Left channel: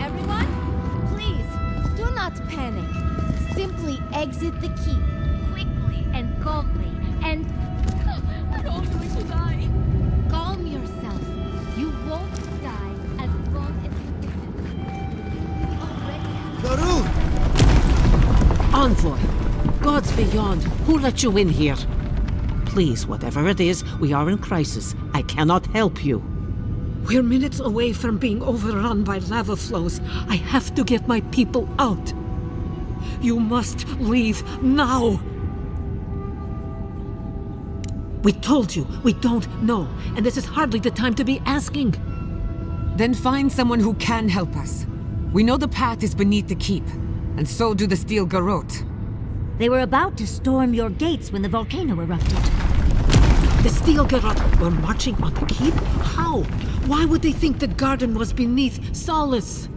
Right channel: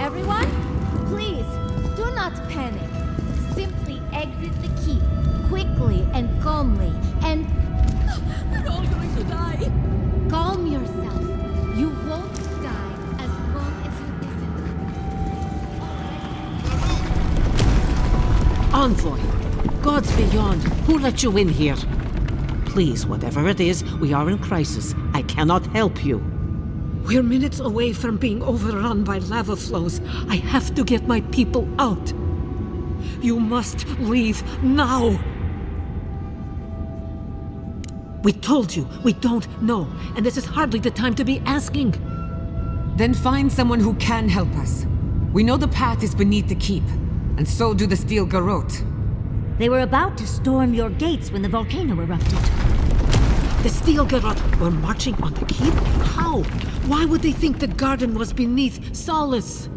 Everyone, please, do not panic. Simply exit the keep, quickly and calmly, and... We're all going to die! Calm yourself. You won't die as long as you listen. Garou! Envoy! Gods beyond, who let you in here? Please, whatever it is, we are in crisis. I cannot help you. We're minutes away from being overrun by lava flows. I have to get my people out. You must leave now. We told you, we don't know, and this is hardly the time to be asking. Then find someone who can help us. We know the path is beneath the keep, and so do the steel garrote. They were about to storm your gates when the volcano erupted. The steel garrote were marching on the keep? How? Why would they think the garden was beneath Solace?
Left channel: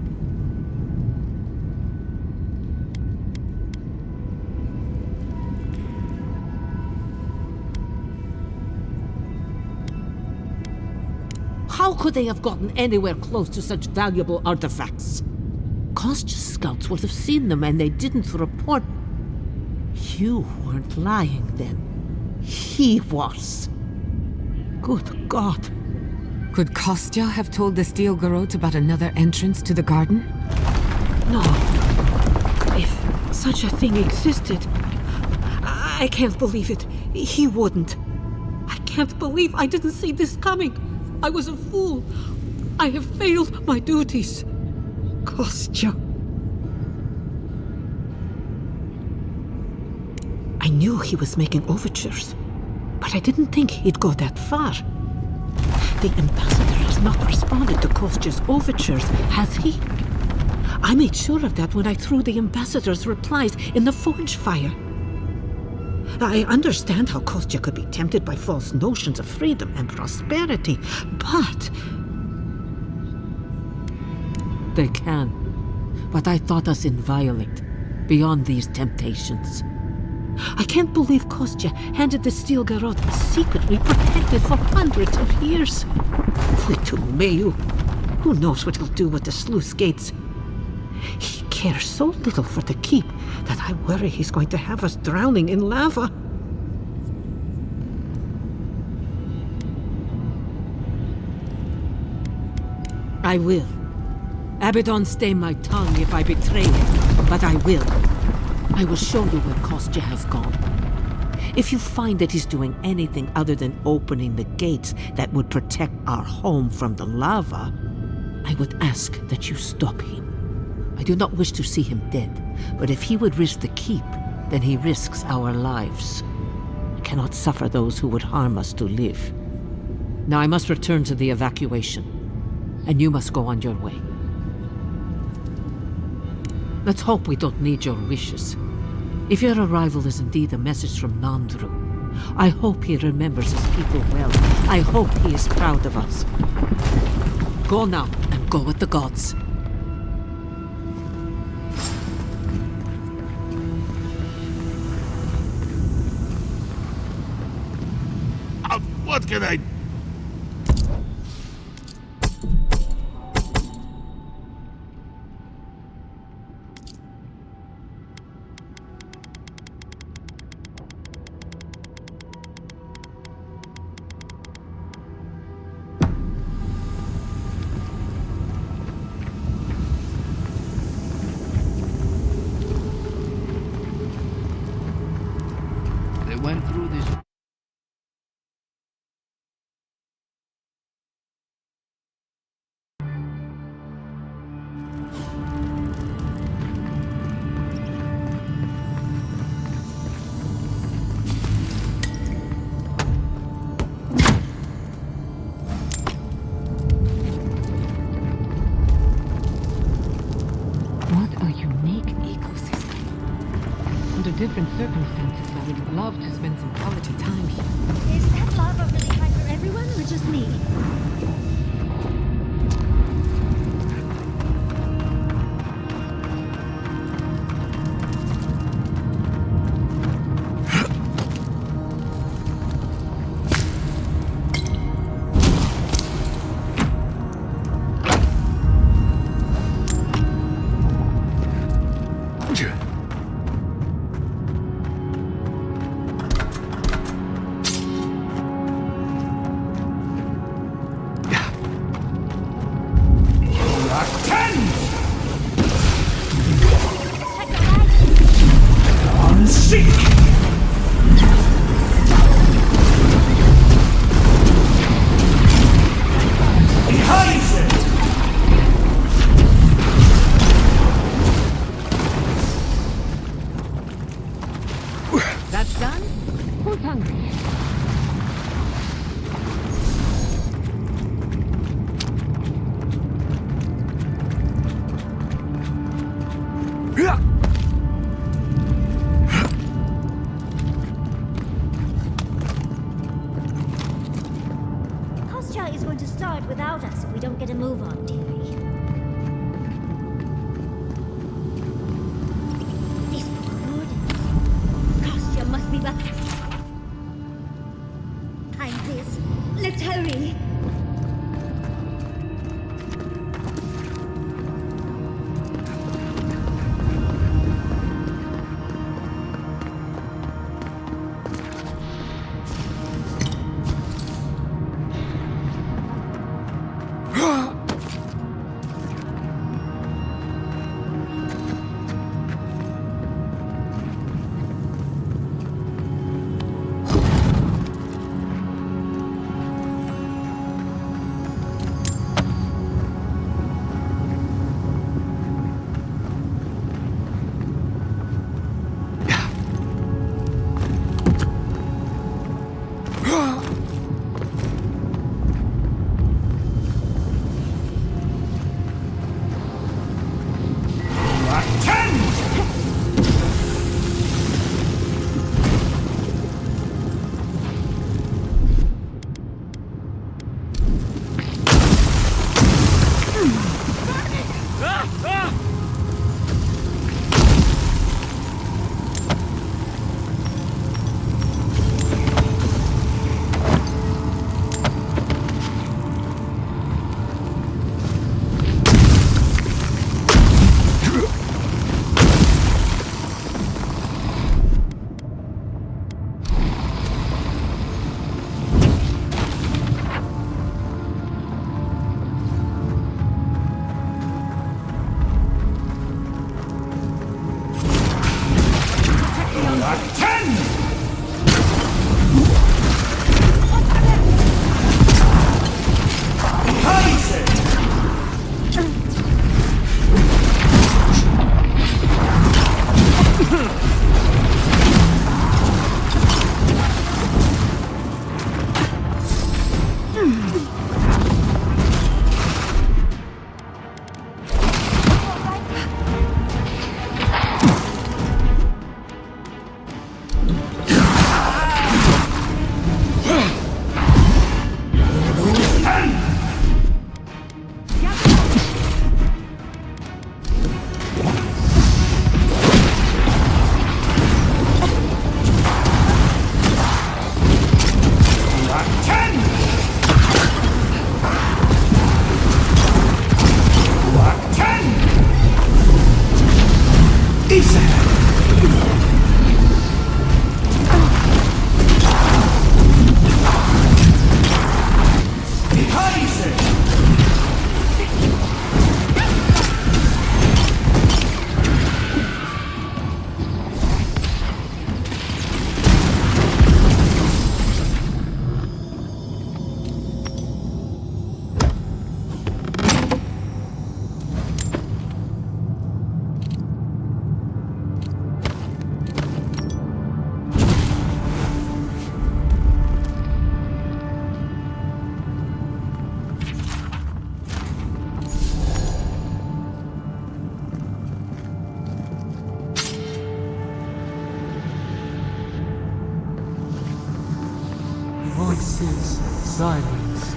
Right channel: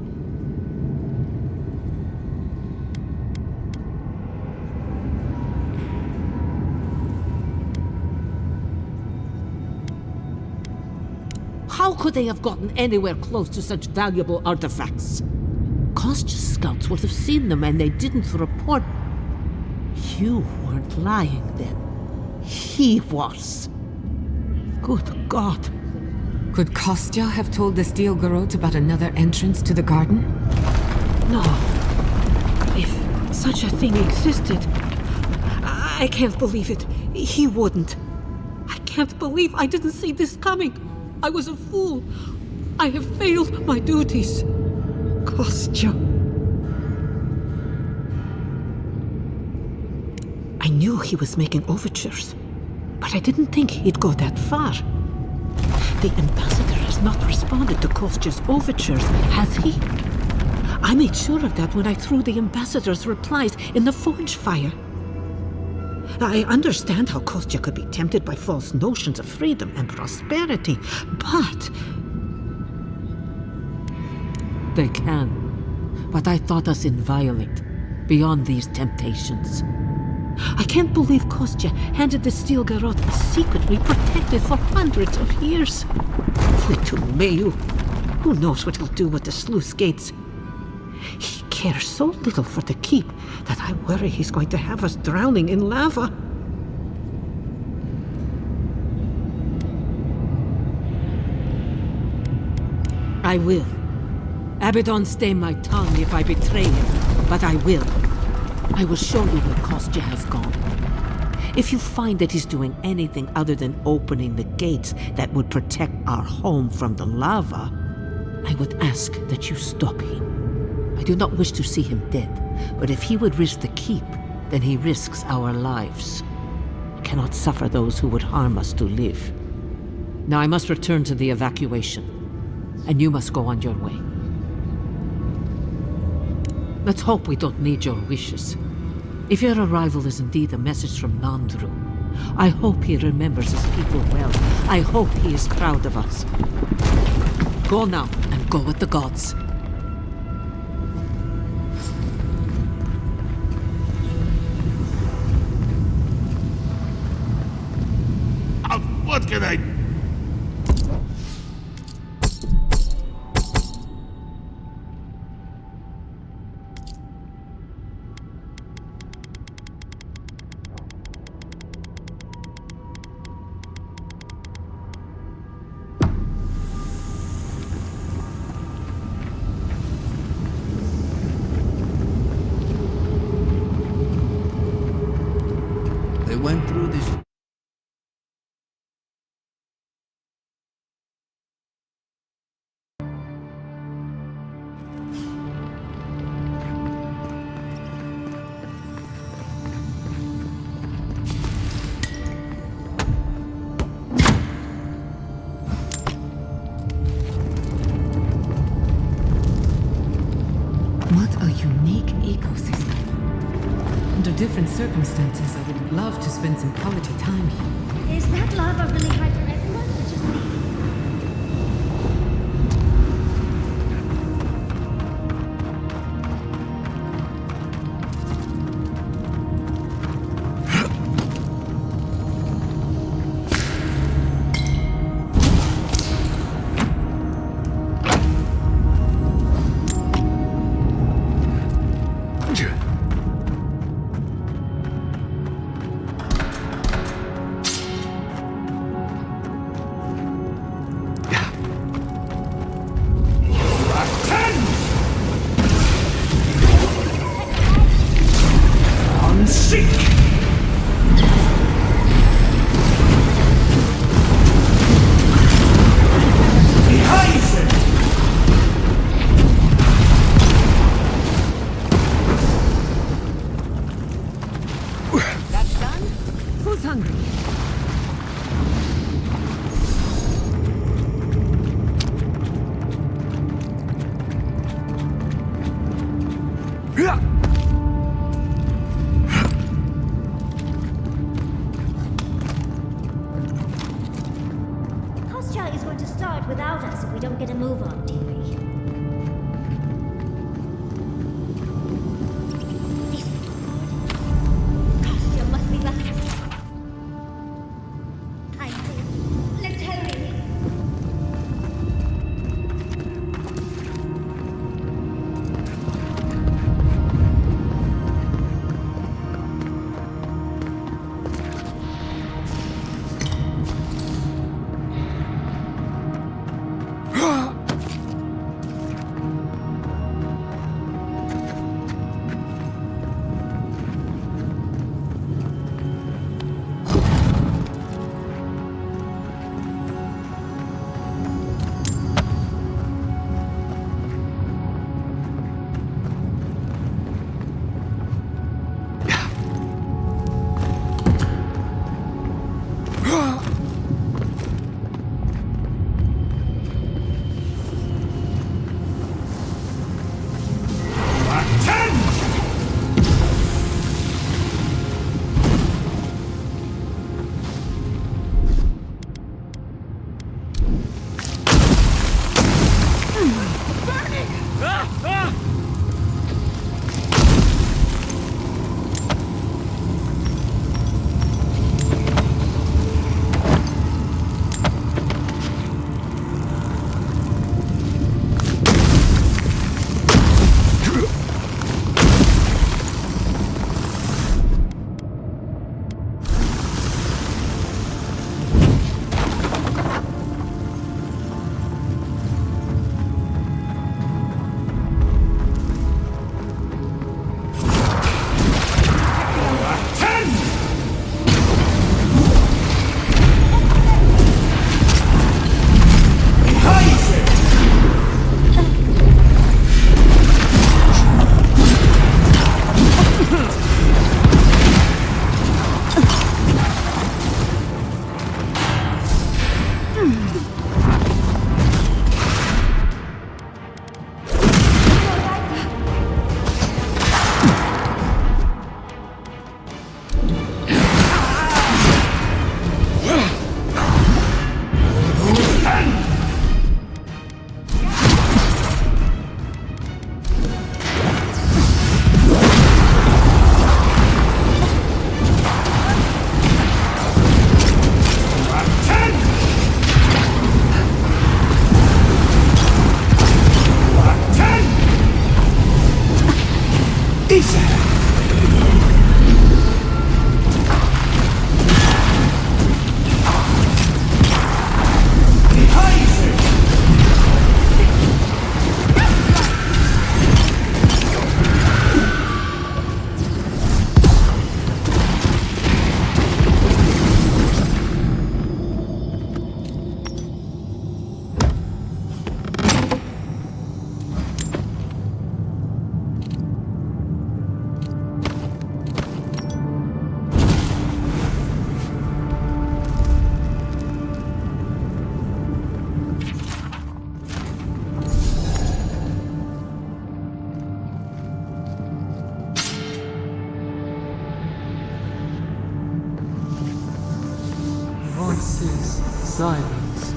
How could they have gotten anywhere close to such valuable artifacts? Kostya's scouts would have seen them and they didn't report. You weren't lying then. He was. Good God. Could Kostya have told the steel garrote about another entrance to the garden? No. If such a thing existed, I can't believe it. He wouldn't. I can't believe I didn't see this coming. I was a fool. I have failed my duties. Kostya. I knew he was making overtures, but I didn't think he'd go that far. The ambassador has not responded to Kostya's overtures, has he? I made sure of that when I threw the ambassador's replies in the forge fire. I understand how Kostya could be tempted by false notions of freedom and prosperity, but... They can. But I thought us inviolate, beyond these temptations. I can't believe Kostya handed the steel garrote a secret we protected for hundreds of years. Meyu. Who knows what he'll do with the sluice gates? He cares so little for the keep that I worry he's going to have us drowning in lava. I will. Abaddon stay my tongue if I betray him, but I will. I will show you where Kostya has gone. If you find that he's doing anything other than opening the gates that would protect our home from the lava, I would ask that you stop him. I do not wish to see him dead, but if he would risk the keep, then he risks our lives. I cannot suffer those who would harm us to live. Now I must return to the evacuation, and you must go on your way. Let's hope we don't need your wishes. If your arrival is indeed a message from Nandru, I hope he remembers his people well. I hope he is proud of us. Go now, and go with the gods. What can I and seek! Ryzen! That's done? Kostya is going to start without us if we don't get a move on, dearie. This poor lord. Kostya must be back. I'm this. Let's hurry. Voices silenced.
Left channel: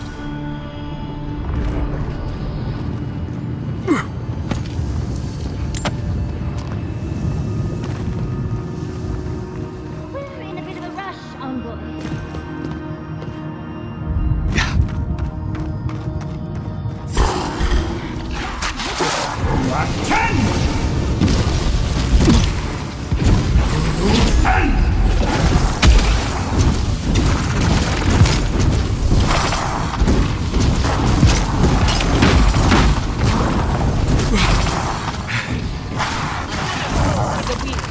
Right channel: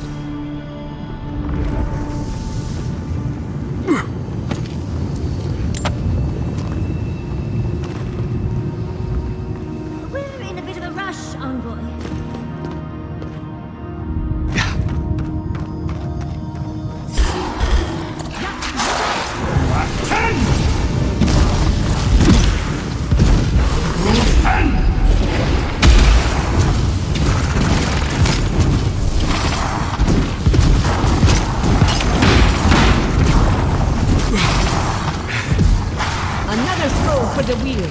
We're in a bit of a rush, Envoy. Another throw for the wheel.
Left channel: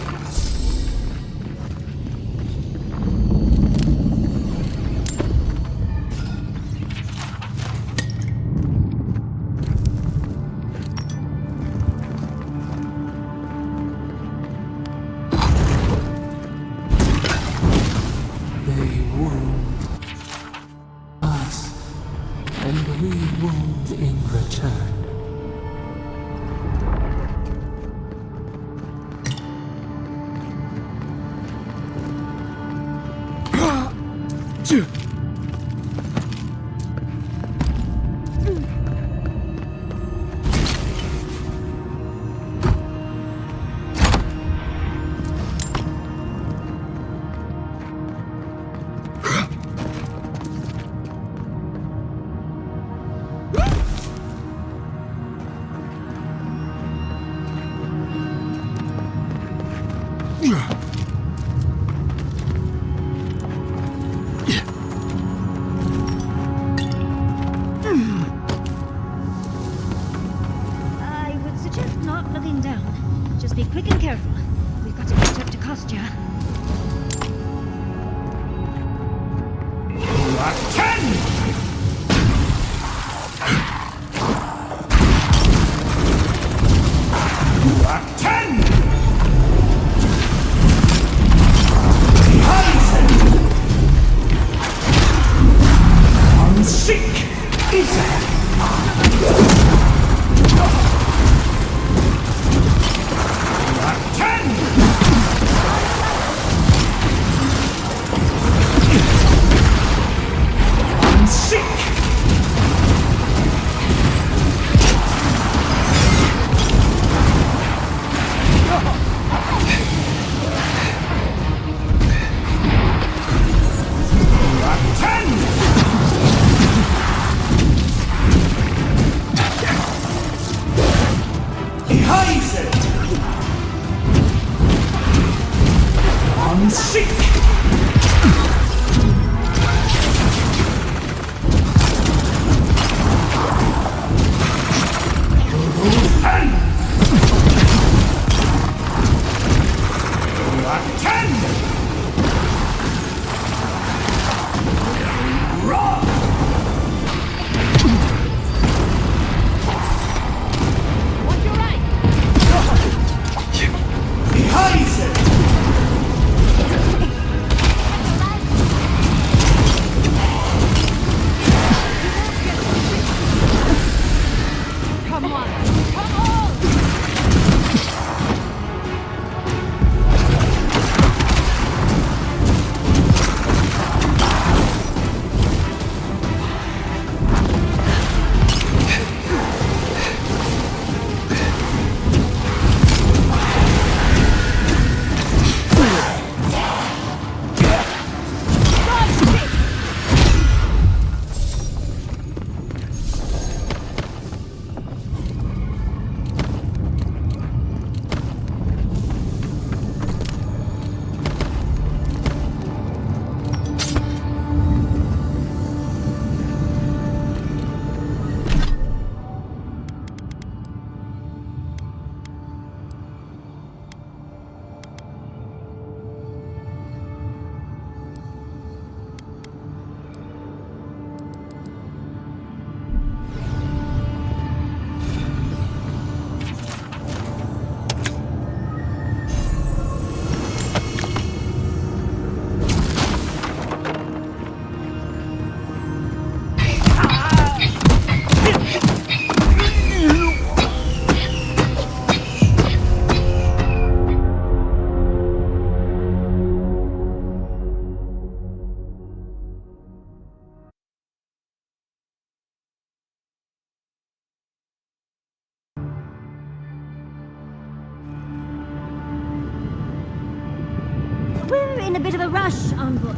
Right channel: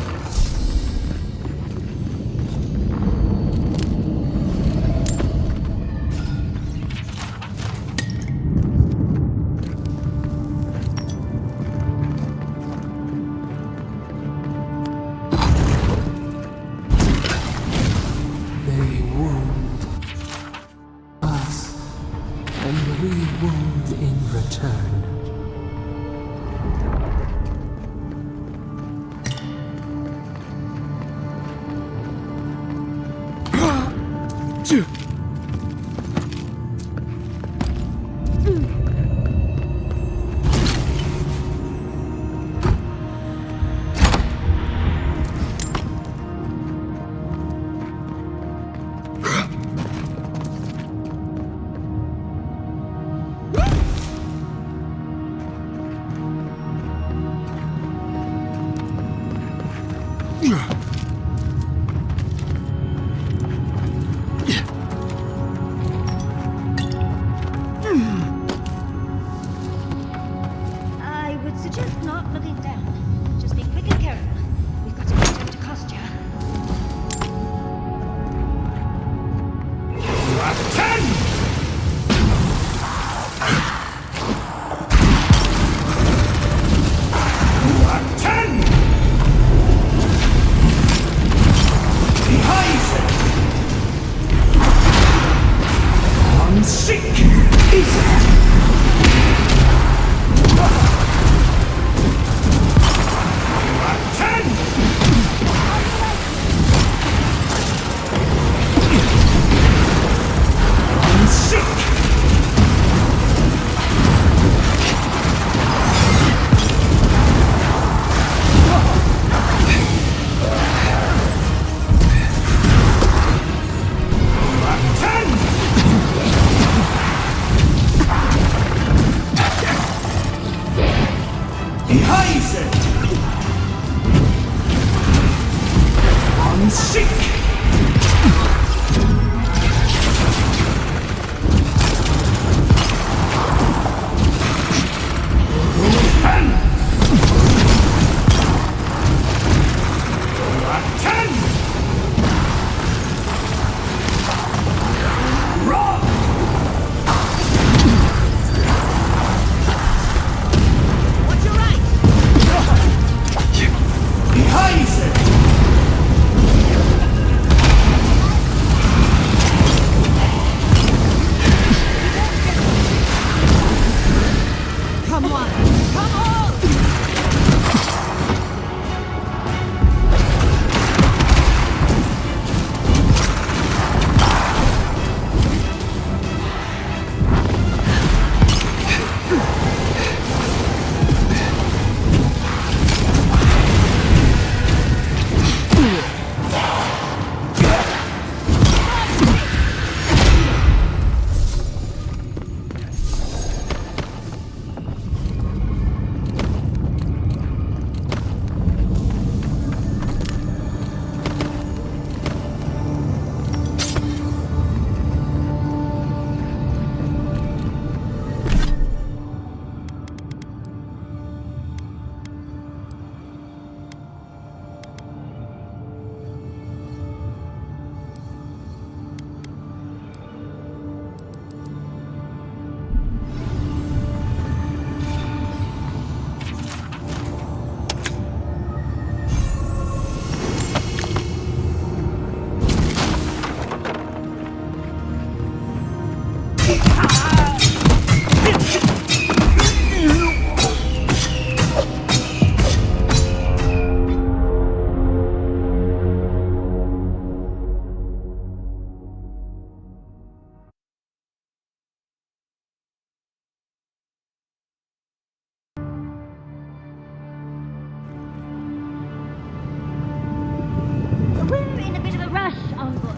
suggest not looking down. Just be quick and careful. We've got to catch up to Kostya. Ryzen! On sick! Is on sick! Ryzen! On sick! We're in a bit of a rush, Envoy.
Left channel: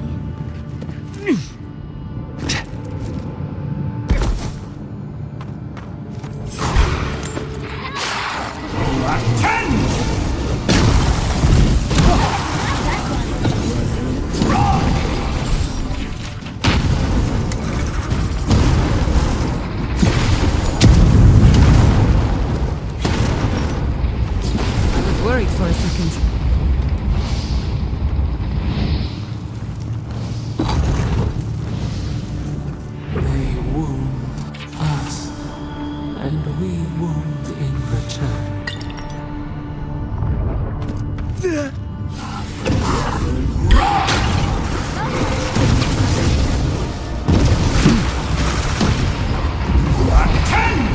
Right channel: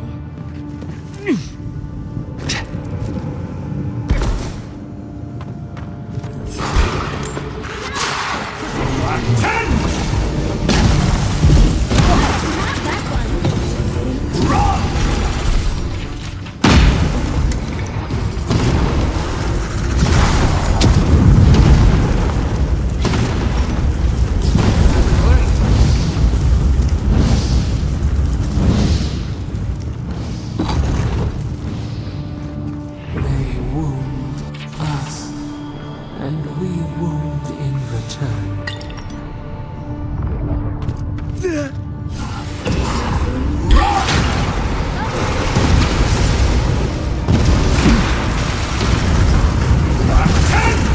I was worried for you. They wound us, and we wound in return.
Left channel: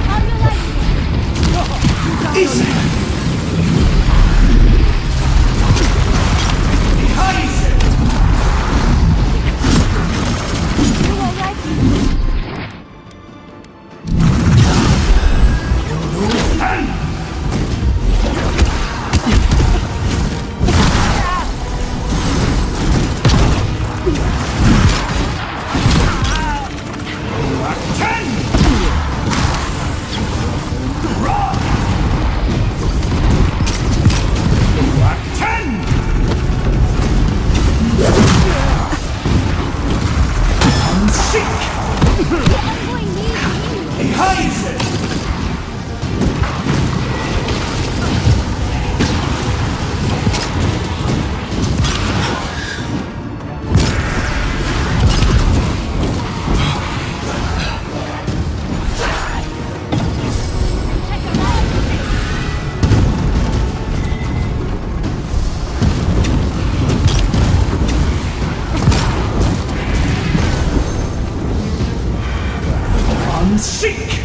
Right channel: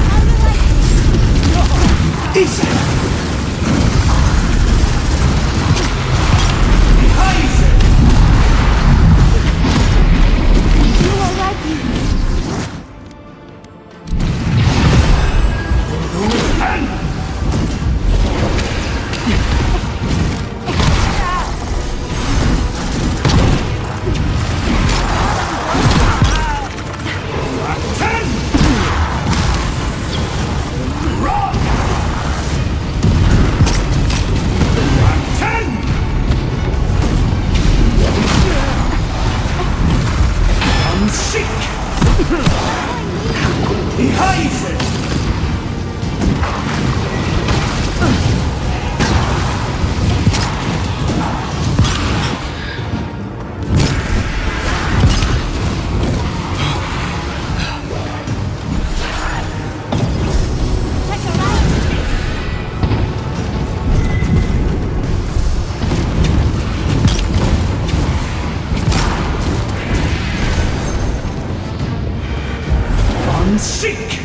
How you like it? Is Ryzen! Seek!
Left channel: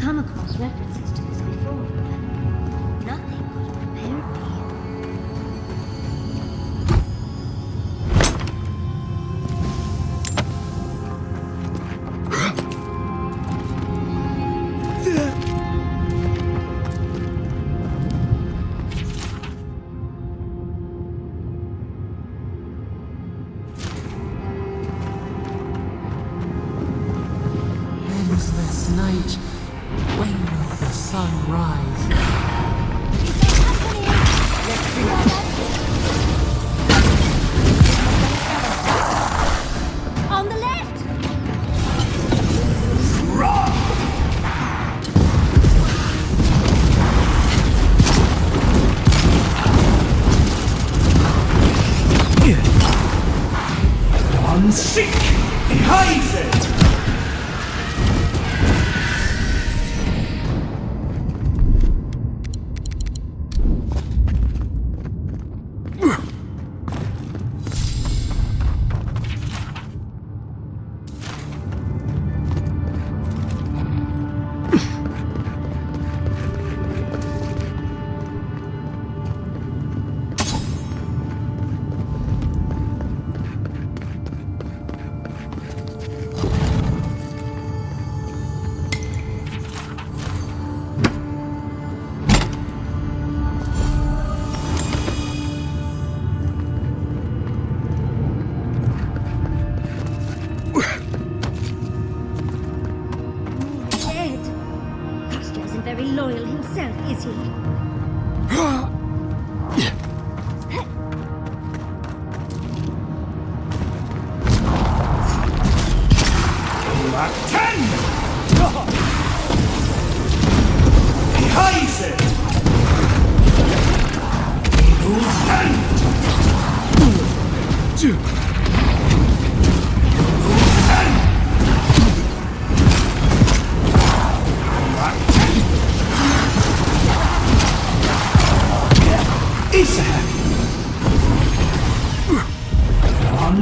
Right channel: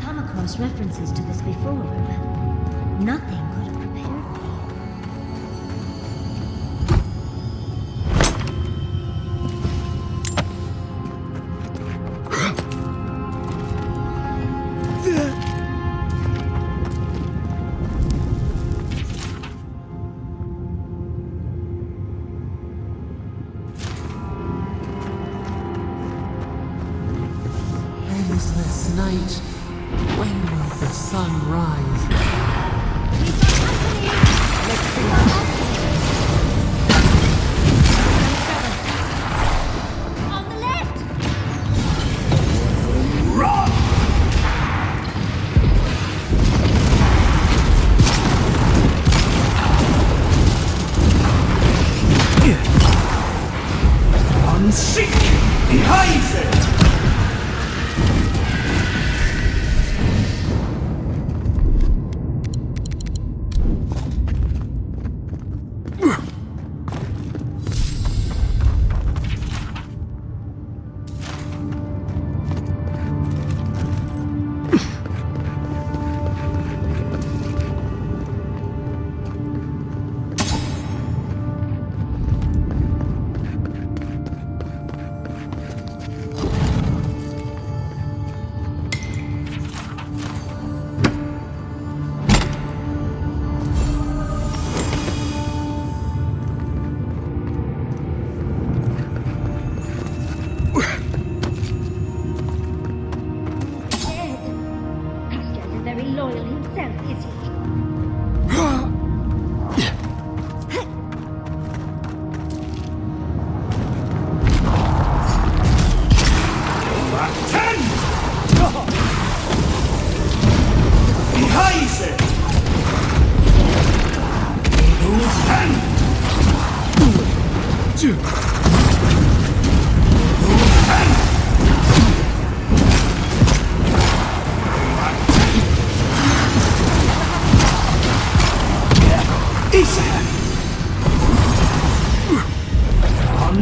Come across references to this before, but nothing could have prepared Endless night. When will the sun rise? On the left! Run! Seek! Behind it!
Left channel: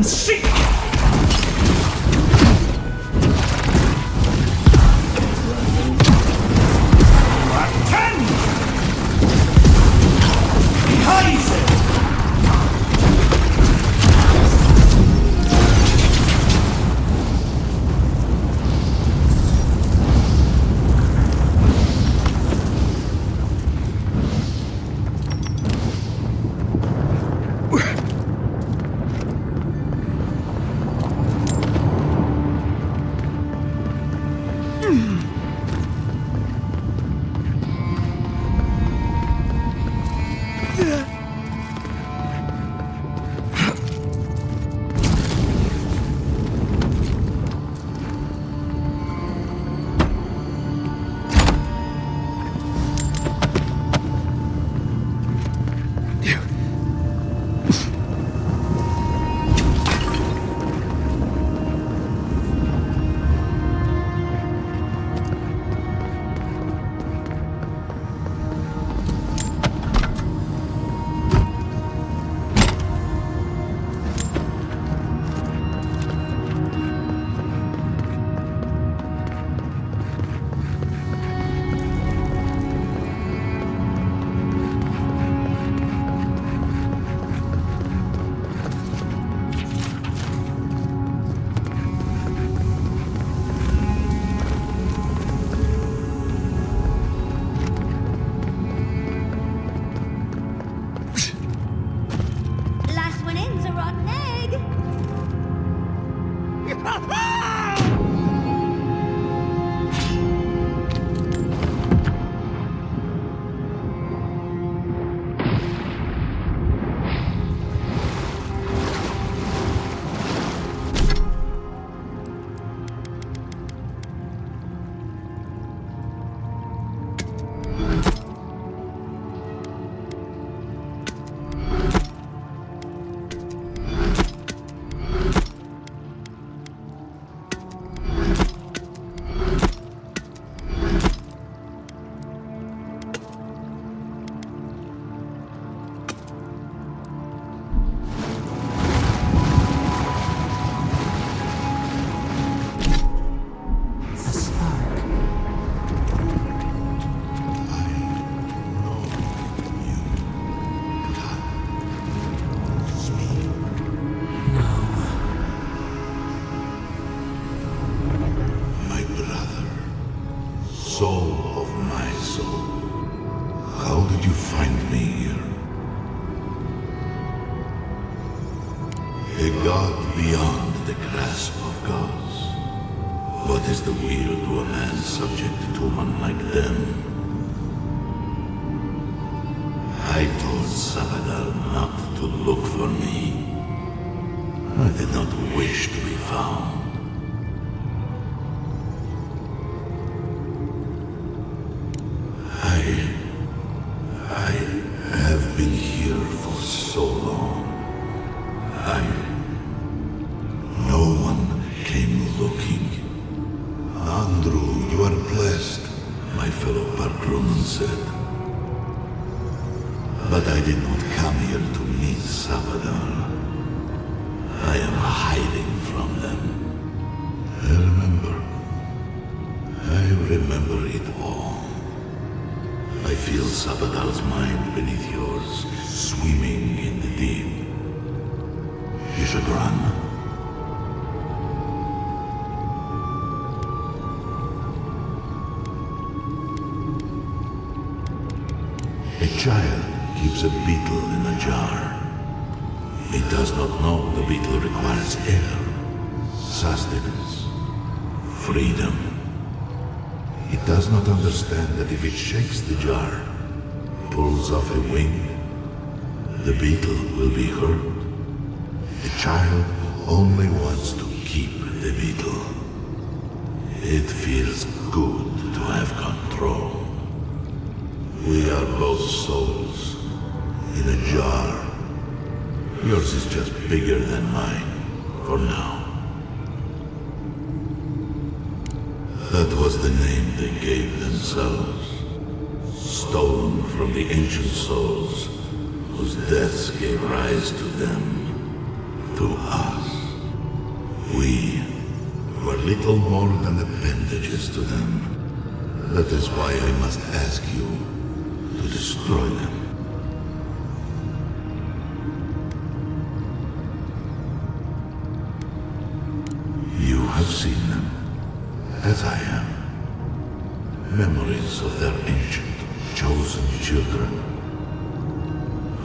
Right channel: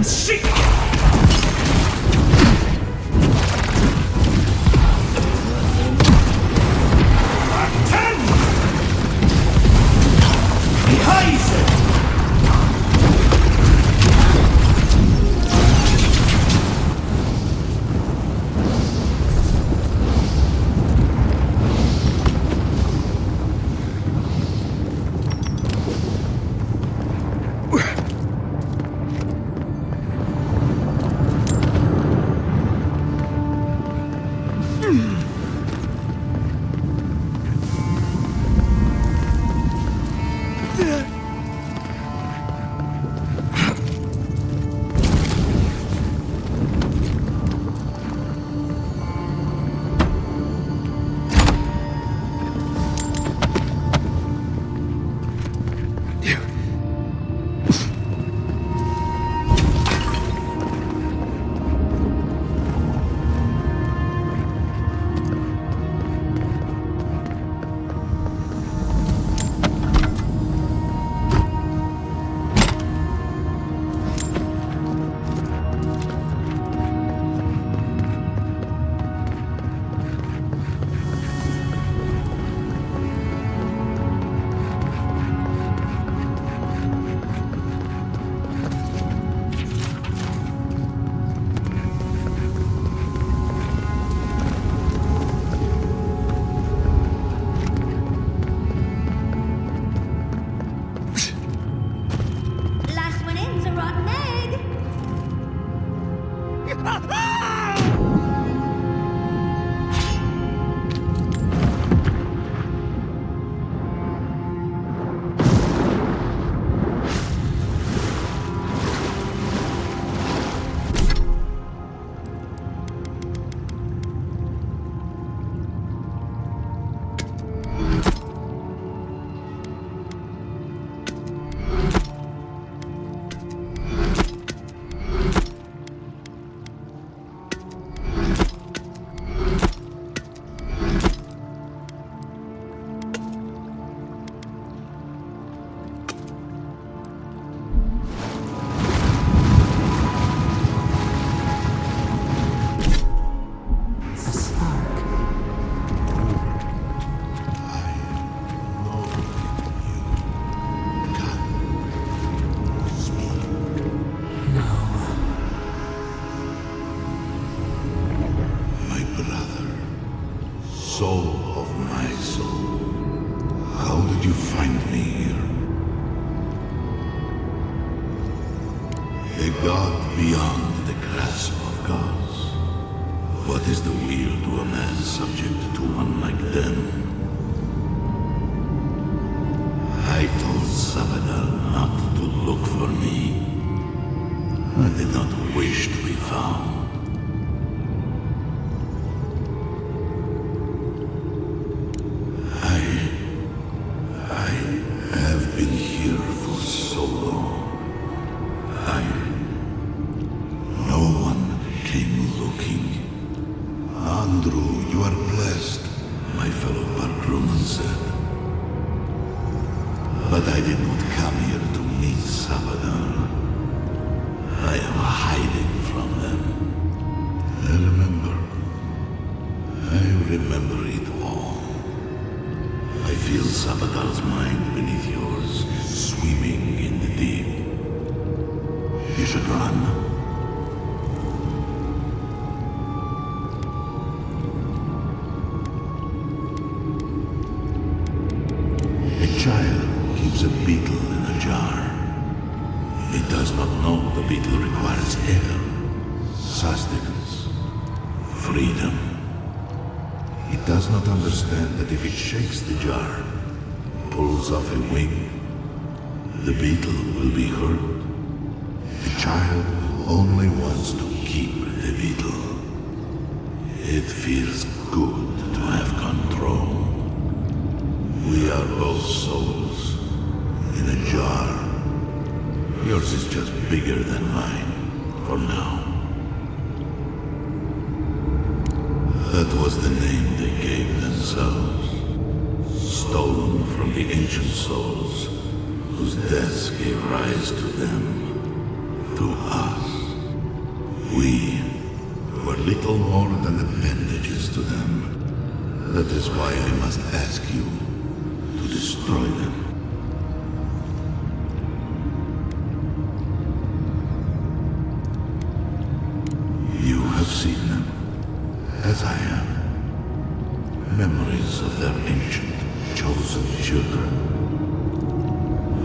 Seek! A god beyond the grasp of gods. What is the wheel to a man subject to one like them? I told Sabadal not to look for me. I did not wish to be found. I have been here for so long. No one came looking. Andrew, you are blessed, my fellow Parkruman said. But I did not come here to meet Sabadal. I am hiding from them. I remember it all. I feel Sabadal's mind beneath yours, swimming in the deep. You should run. A child keeps a beetle in a jar. It does not know the beetle requires air, sustenance, freedom. It does not understand that if it shakes the jar, pulls off a wing, the beetle will be hurt. The child only wants to keep the beetle. It feels good to have control. We are both souls in a jar. Yours is just bigger than mine, for now. That was the name they gave themselves, stolen from the ancient souls whose deaths gave rise to them, to us. We were little more than appendages to them. That is why I must ask you to destroy them. You have seen them, as I have. Memories of their ancient, chosen children.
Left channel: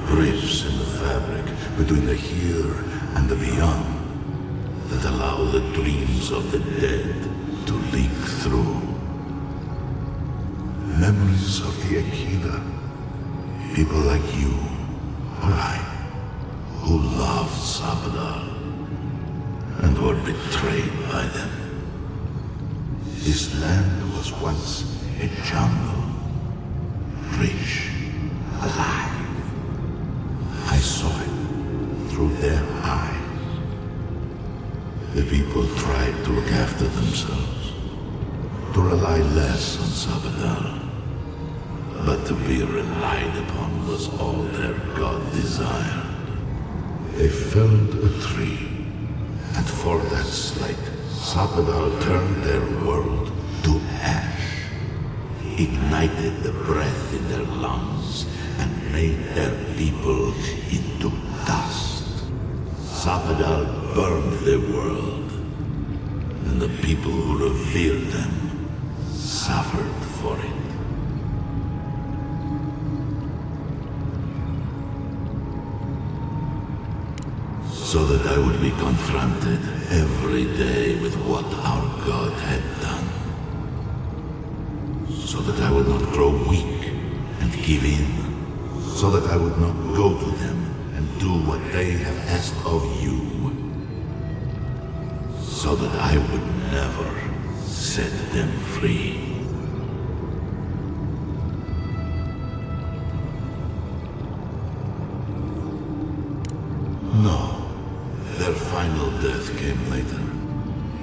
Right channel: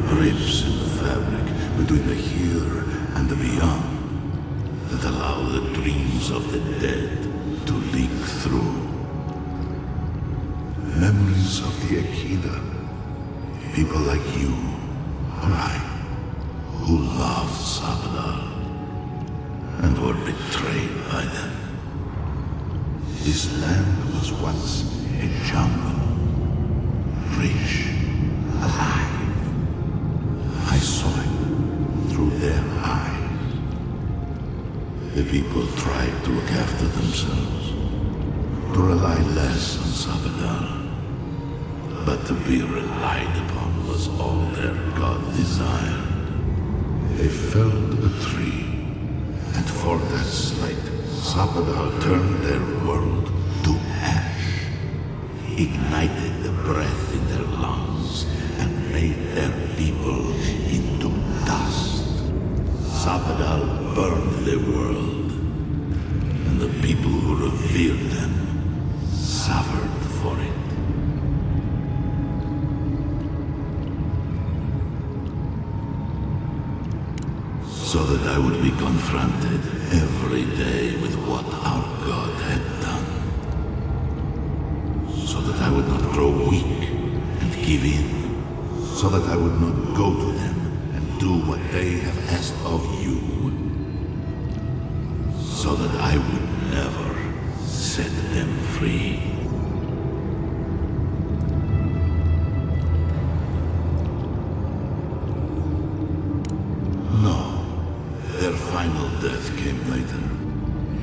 Rips in the fabric between the here and the beyond that allow the dreams of the dead to leak through. Memories of the Akida. People like you, or I, who loved Sabadal and were betrayed by them. This land was once a jungle, rich, alive. I saw it through their eyes. The people tried to look after themselves, to rely less on Sabadal. But to be relied upon was all their god desired. They felled a tree, and for that slight, Sabadal turned their world to ash, ignited the breath in their lungs, and made their people into dust. Sabadal burned the world, and the people who revered them suffered for it. So that I would be confronted every day with what our God had done. So that I would not grow weak and give in. So that I would not go to them and do what they have asked of you. So that I would never set them free. No. Their final death came later.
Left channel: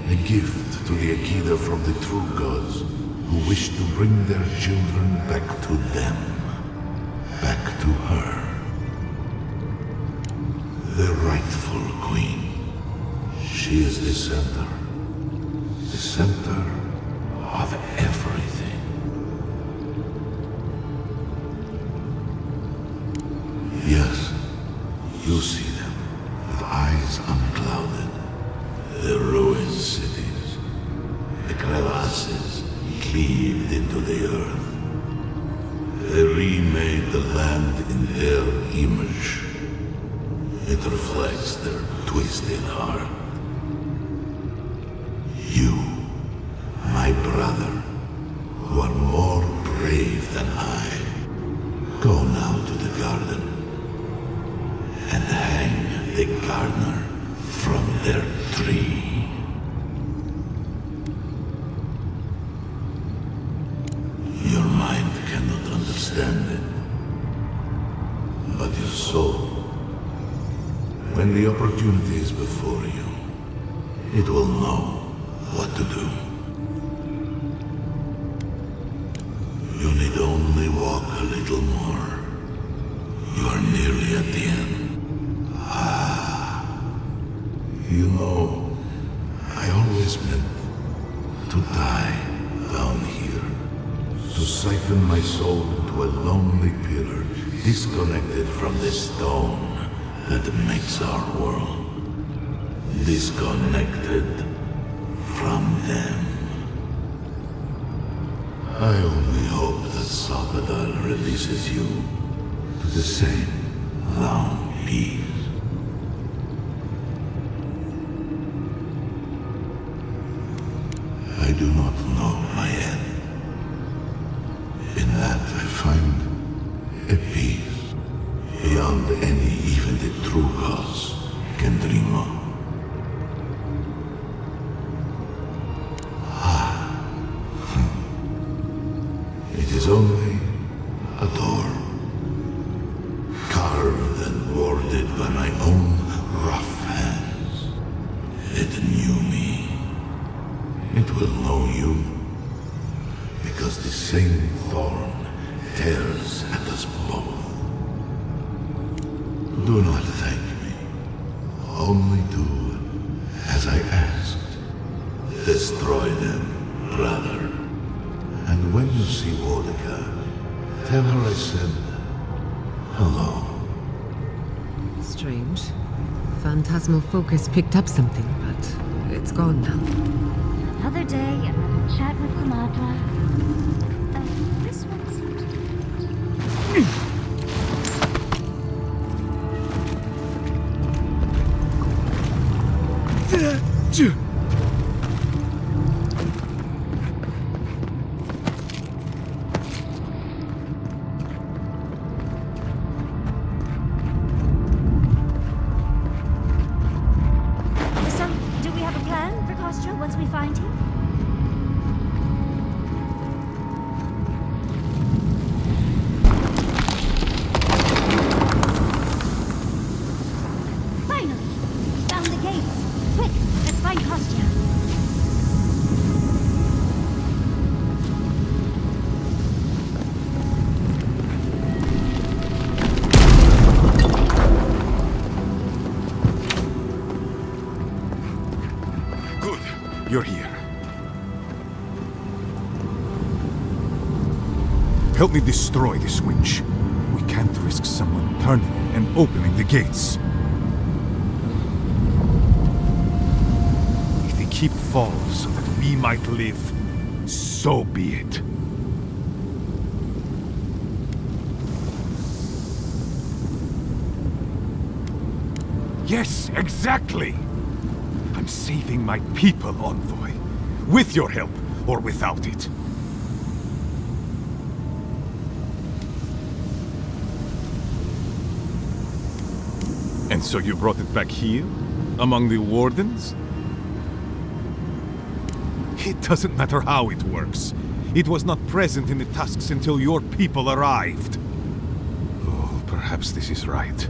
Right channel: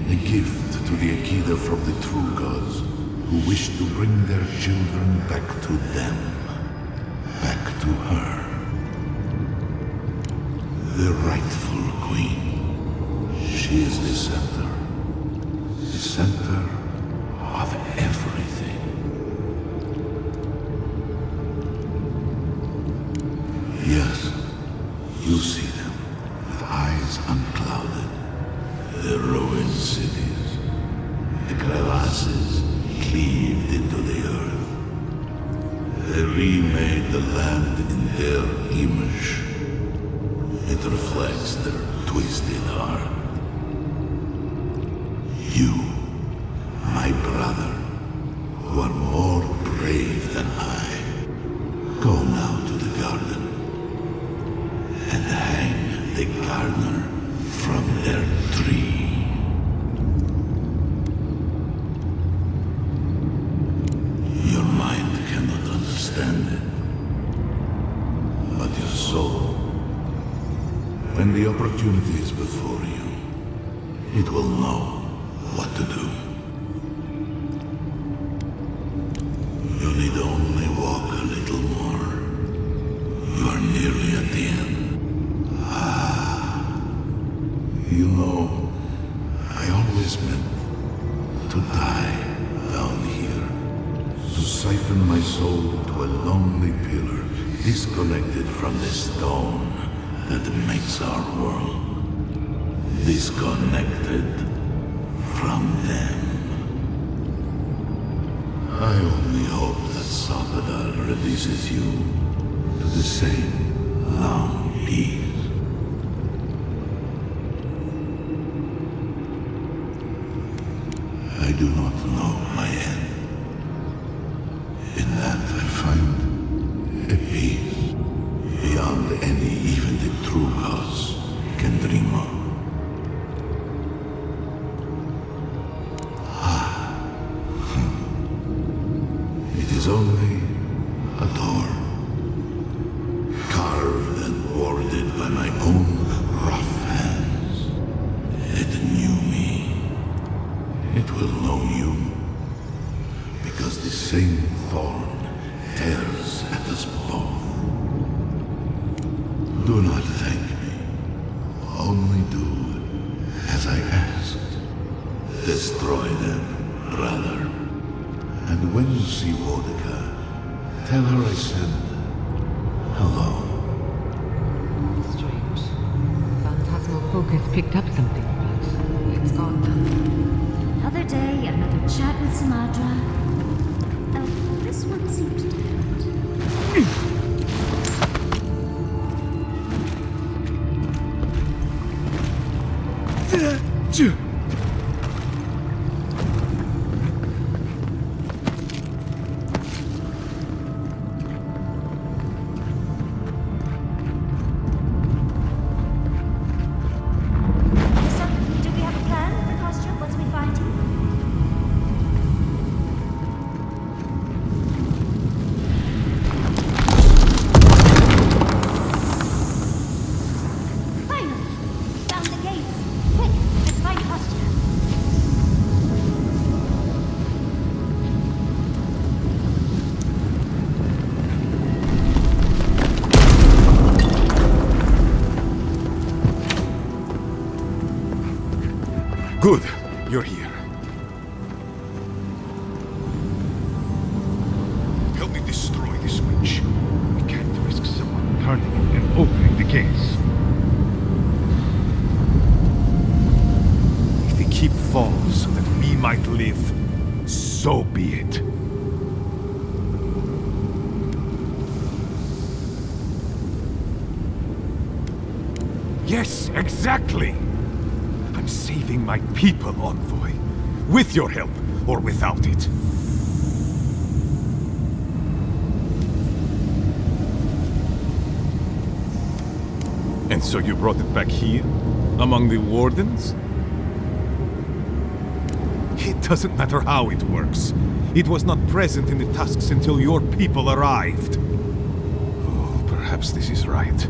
A gift to the Akida from the true gods, who wished to bring their children back to them. Back to her. The rightful queen. She is the center. The center of everything. Yes, you see them. Eyes unclouded, the ruined cities, the crevasses cleaved into the earth. They remade the land in their image. It It reflects their twisted heart. You, my brother, who are more brave than I, go now to the garden and hang the gardener from their tree. Your mind cannot understand it, but your soul, when the opportunity is before you, it will know what to do. You need only walk a little more. You are nearly at the end. You know, I always meant to die down here. To siphon my soul into a lonely pillar, disconnected from the stone that makes our world. Disconnected from them. I only hope that Salvador releases you to the same long peace. I do not know my end. In that I find a peace beyond any even the true gods can dream of. It is only a door, carved and warded by my own rough hands. It knew me. It will know you, because the same thorn tears at us both. Do not thank me. Only do as I asked. Destroy them, brother. And when you see Wodika, tell her I said hello. Strange. Phantasmal focus picked up something, but it's gone now. Another day, another chat with Smadra. Oh, this one seems So, do we have a plan for Kostya once we find him? Finally! Found the gates! Quick, let's find Kostya. Good, you're here. Help me destroy this witch. We can't risk someone turning and opening the gates. If the keep falls so that we might live, so be it. Yes, exactly! I'm saving my people, Envoy. With your help, or without it. And so you brought it back here? Among the Wardens? It doesn't matter how it works. It was not present in the tusks until your people arrived. Oh, perhaps this is right.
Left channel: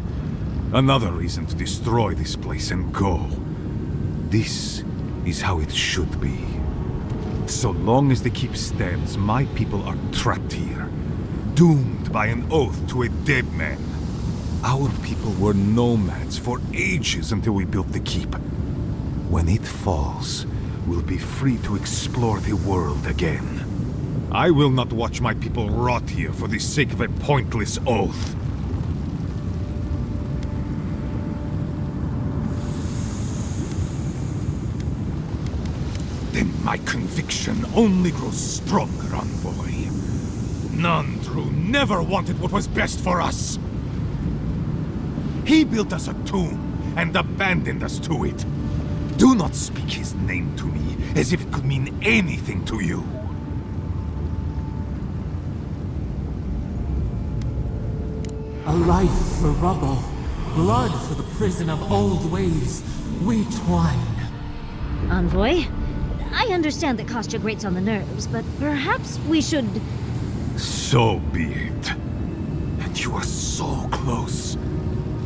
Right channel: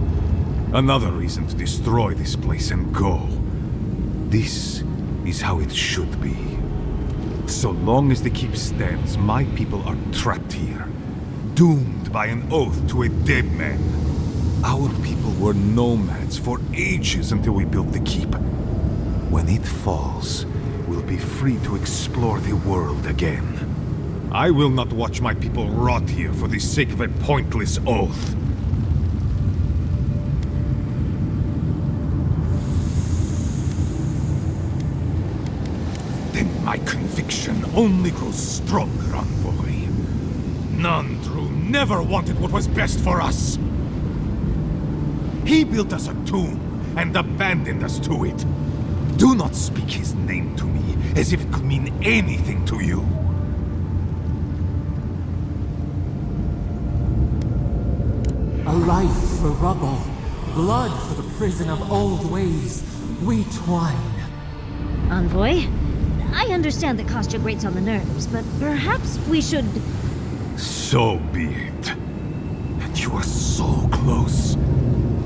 Another reason to destroy this place and go. This is how it should be. So long as the keep stands, my people are trapped here. Doomed by an oath to a dead man. Our people were nomads for ages until we built the keep. When it falls, we'll be free to explore the world again. I will not watch my people rot here for the sake of a pointless oath. Then my conviction only grows stronger, Envoy. None true never wanted what was best for us. He built us a tomb and abandoned us to it. Do not speak his name to me as if it could mean anything to you. A life for rubble, blood for the prison of old ways. We twine. Envoy, I understand that Kostya grates on the nerves, but perhaps we should... So be it. And you are so close.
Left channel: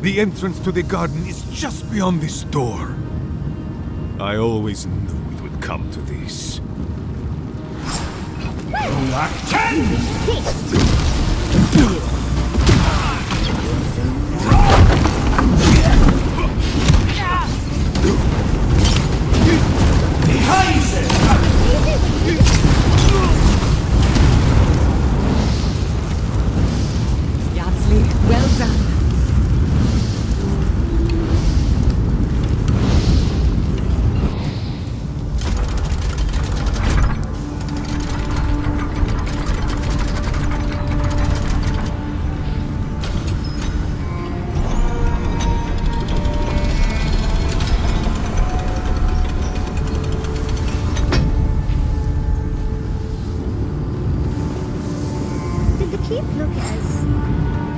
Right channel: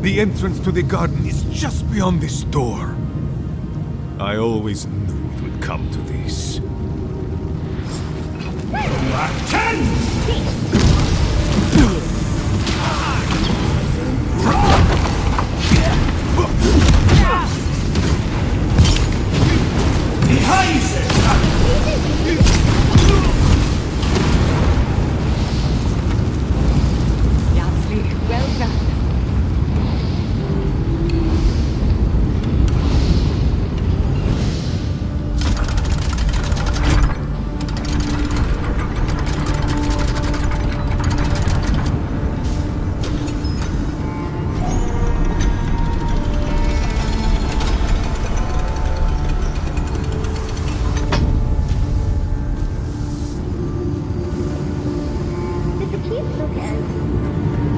The entrance to the garden is just beyond this door. I always knew it would come to this. Act 10! Ryzen!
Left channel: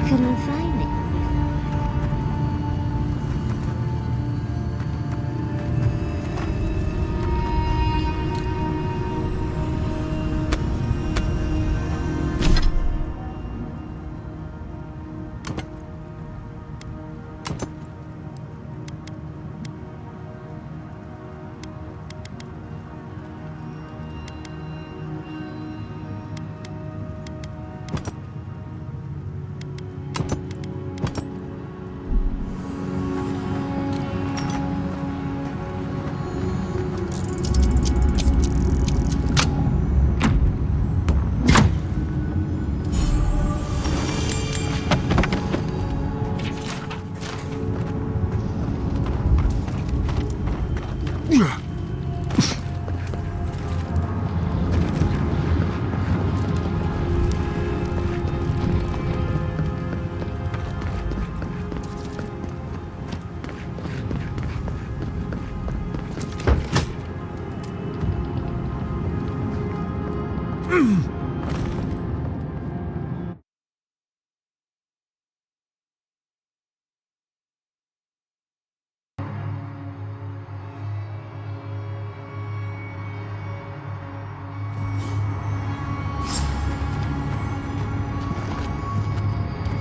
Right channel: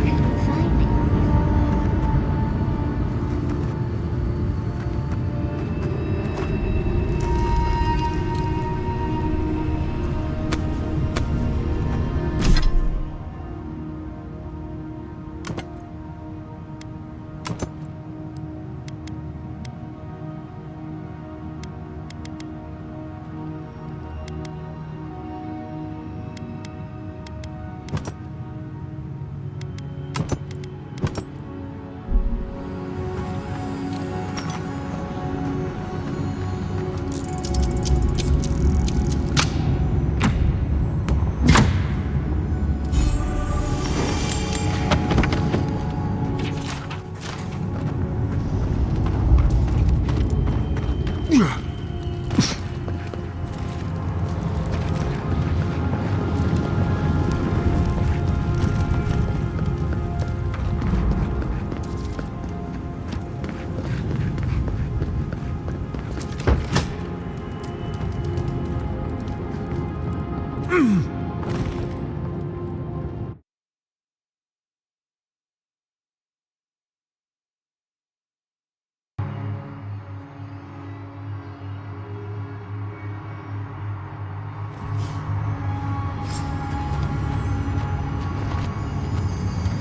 Couldn't find it before.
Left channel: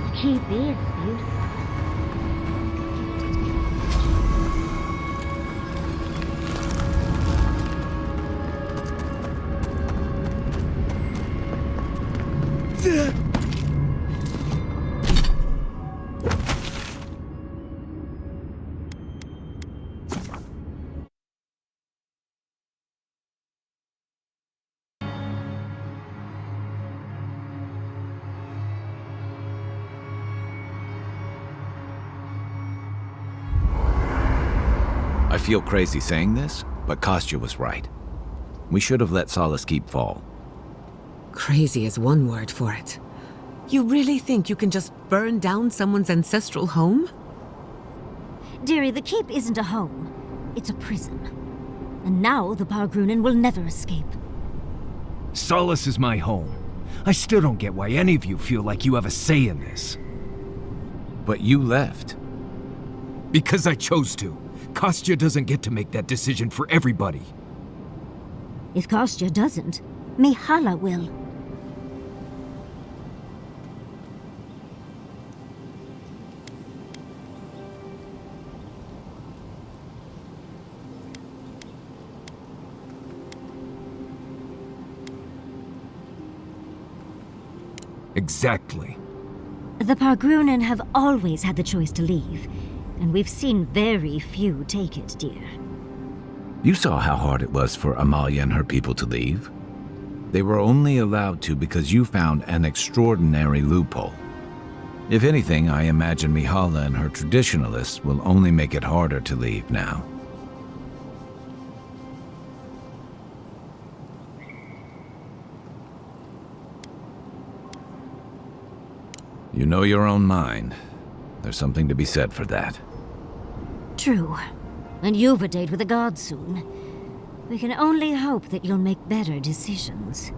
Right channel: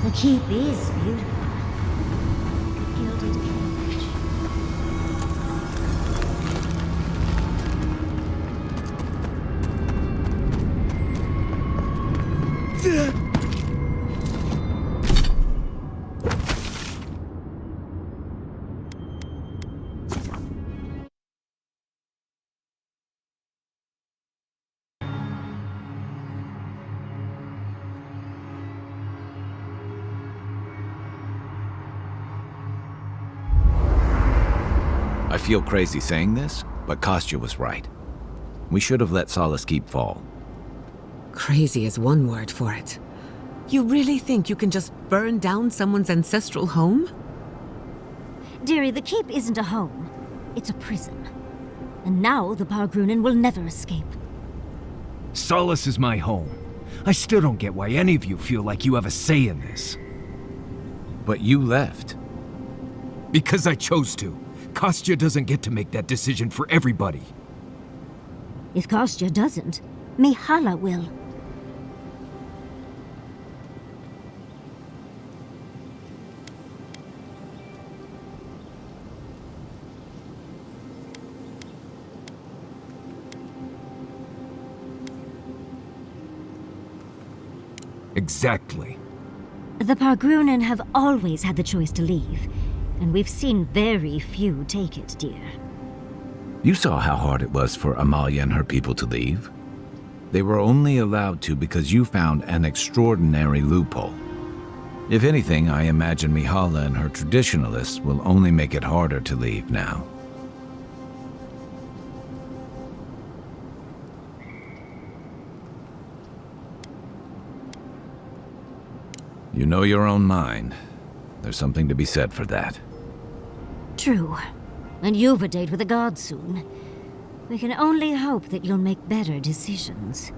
The keep is beautiful, like a gilded cage. I feel crazy saying this, but Kostya was right. We should have let Solace Keep fall. Crazy is one word for it. You really think you can just burn down someone's ancestral home? Dearie, the keep isn't a home. It's a prison. And now the Pargrunen will never escape. Solace is my home. I still don't get why any of you feel like you have a say in this. But you left. Because I chose to. Kostya doesn't get to make that decision for everybody. If Kostya doesn't, Mihala will. Exactly. The Pargrunen have always had the choice to leave, and we've seen very few take it, dear. You saw how hard it was for Amalia and her people to leave. They were only allowed to because you found an extraordinary loophole. If anything, I imagine Mihala and her traditionalists will only make it harder to leave now. You know your own mind. There's something to be said for that. True. And you've a date with the gods soon. We can only hope that you'll make better decisions.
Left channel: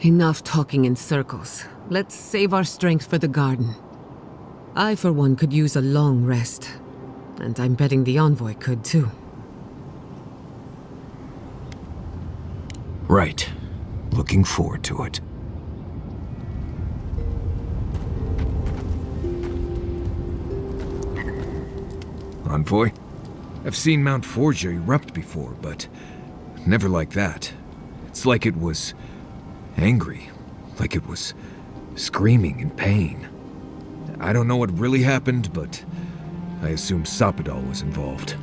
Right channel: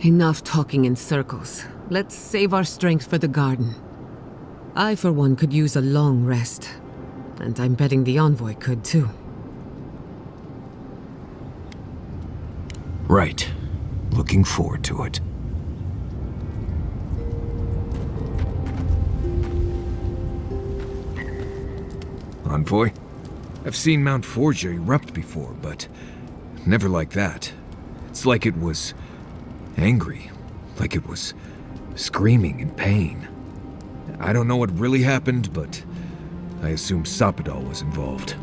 Enough talking in circles. Let's save our strength for the garden. I, for one, could use a long rest. And I'm betting the envoy could, too. Right. Looking forward to it. Envoy? I've seen Mount Forgia erupt before, but never like that. It's like it was angry, like it was screaming in pain. I don't know what really happened, but I assume Sapadal was involved.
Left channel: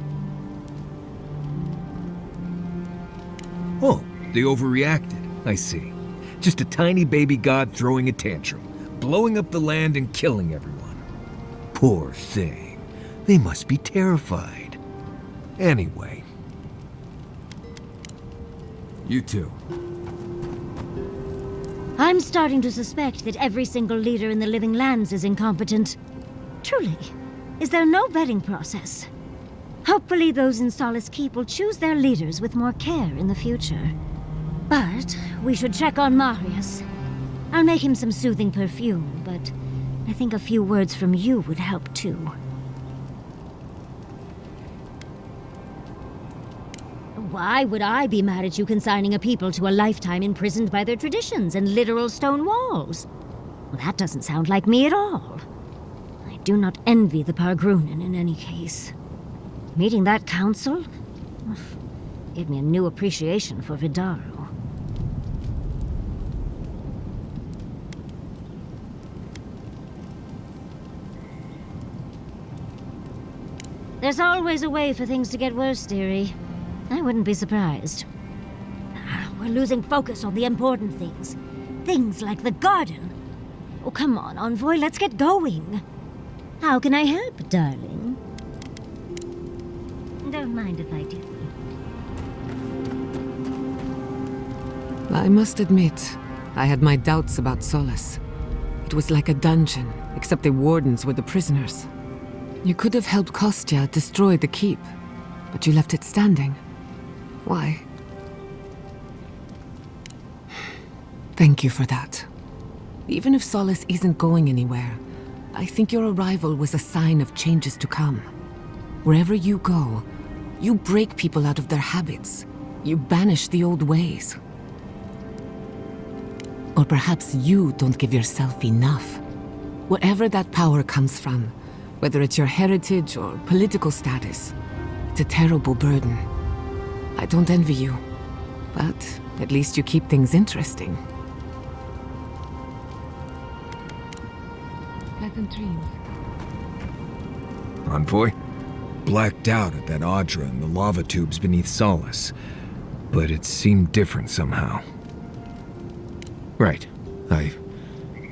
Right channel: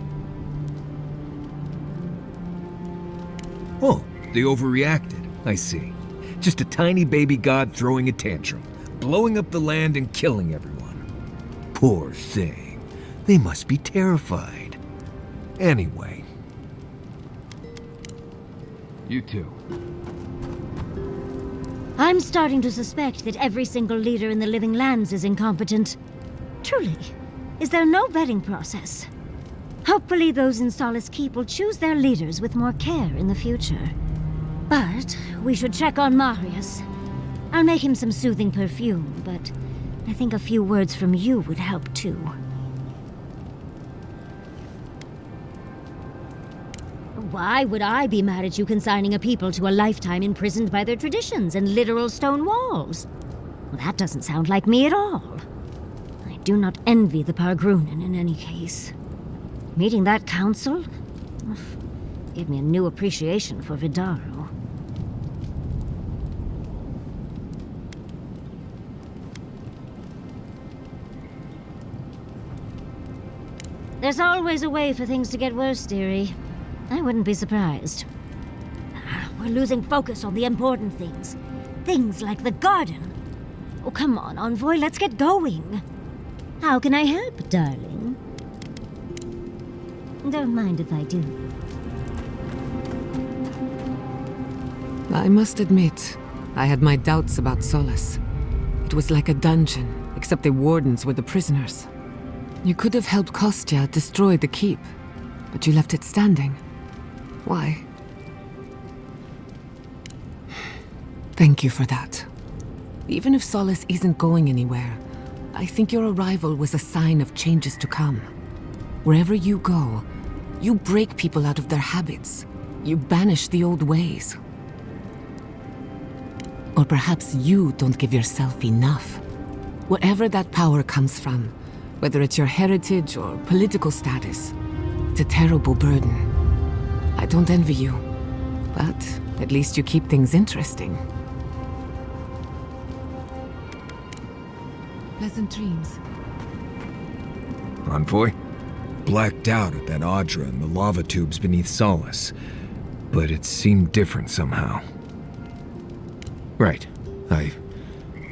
Oh, they overreacted. I see. Just a tiny baby god throwing a tantrum, blowing up the land and killing everyone. Poor thing. They must be terrified. Anyway. You too. I'm starting to suspect that every single leader in the Living Lands is incompetent. Truly. Is there no vetting process? Hopefully those in Solace Keep will choose their leaders with more care in the future. But we should check on Marius. I'll make him some soothing perfume, but I think a few words from you would help too. Why would I be mad at you consigning a people to a lifetime imprisoned by their traditions and literal stone walls? Well, that doesn't sound like me at all. I do not envy the Pargrunen in any case. Meeting that council gave me a new appreciation for Vidaru. There's always a way for things to get worse, dearie. I wouldn't be surprised. We're losing focus on the important things. Things like the garden. Oh, come on, Envoy, let's get going. How can I help, darling? Don't mind if I do. I must admit, I had my doubts about Solace. It was like a dungeon, except the wardens were the prisoners. You could have helped Kostya destroy the keep, but you left it standing. Why? Thank you for that. Even if Solace isn't going anywhere, I think your arrival was a sign of changes to come. Wherever you go, you break people out of their habits. You banish the old ways. Or perhaps you don't give yourself enough. Wherever that power comes from, whether it's your heritage or political status, it's a terrible burden. I don't envy you, but at least you keep things interesting. Pleasant dreams. Envoy? Blacked out at that Audra and the lava tubes beneath Solace, but it seemed different somehow. Right. I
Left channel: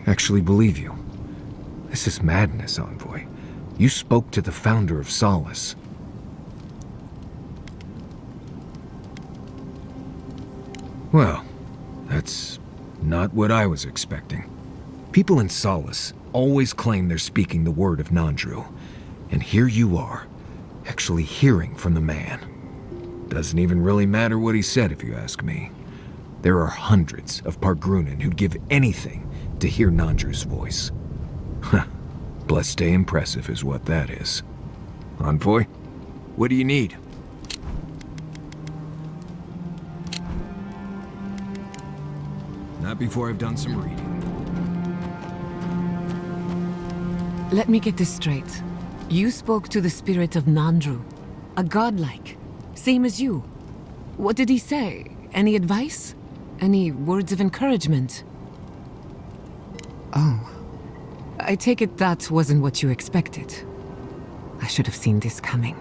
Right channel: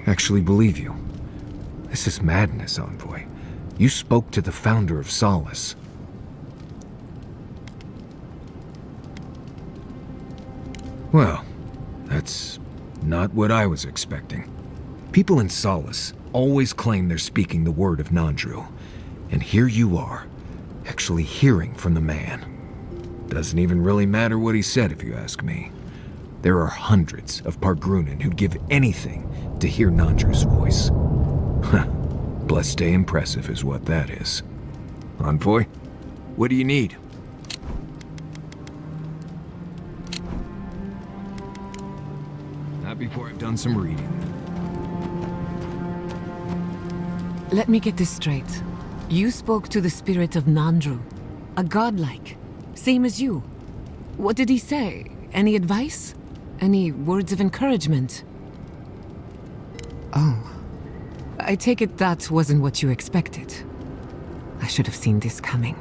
actually believe you. This is madness, Envoy. You spoke to the founder of Solace. Well, that's not what I was expecting. People in Solace always claim they're speaking the word of Nandru, and here you are, actually hearing from the man. Doesn't even really matter what he said if you ask me. There are hundreds of Pargrunen who'd give anything to hear Nandru's voice. Huh. Blessed stay impressive is what that is. Envoy, what do you need? Not before I've done some reading. Let me get this straight. You spoke to the spirit of Nandru, a godlike, same as you. What did he say? Any advice? Any words of encouragement? Oh. I take it that wasn't what you expected. I should have seen this coming.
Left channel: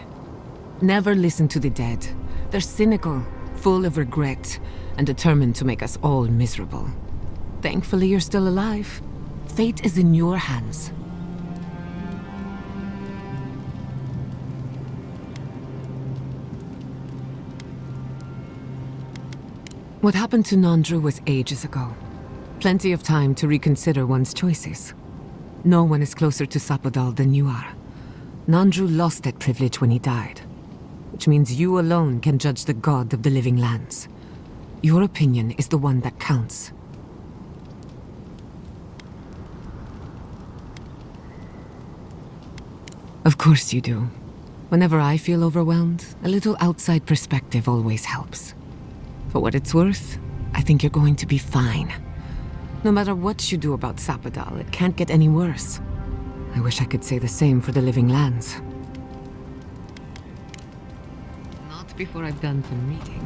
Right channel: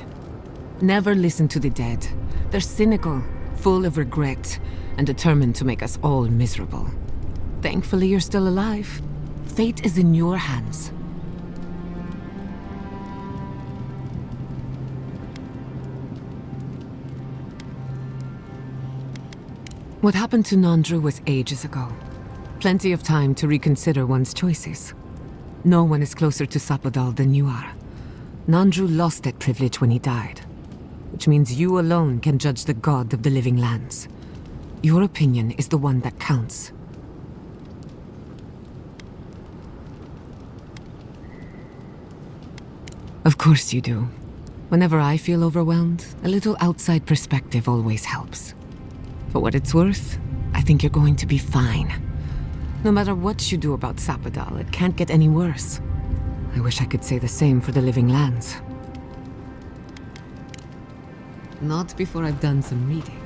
Never listen to the dead. They're cynical, full of regret, and determined to make us all miserable. Thankfully, you're still alive. Fate is in your hands. What happened to Nandru was ages ago. Plenty of time to reconsider one's choices. No one is closer to Sapadal than you are. Nandru lost that privilege when he died, which means you alone can judge the god of the living lands. Your opinion is the one that counts. Of course you do. Whenever I feel overwhelmed, a little outside perspective always helps. For what it's worth, I think you're going to be fine. No matter what you do about Sapadal, it can't get any worse. I wish I could say the same for the living lands. Not before I've done some reading.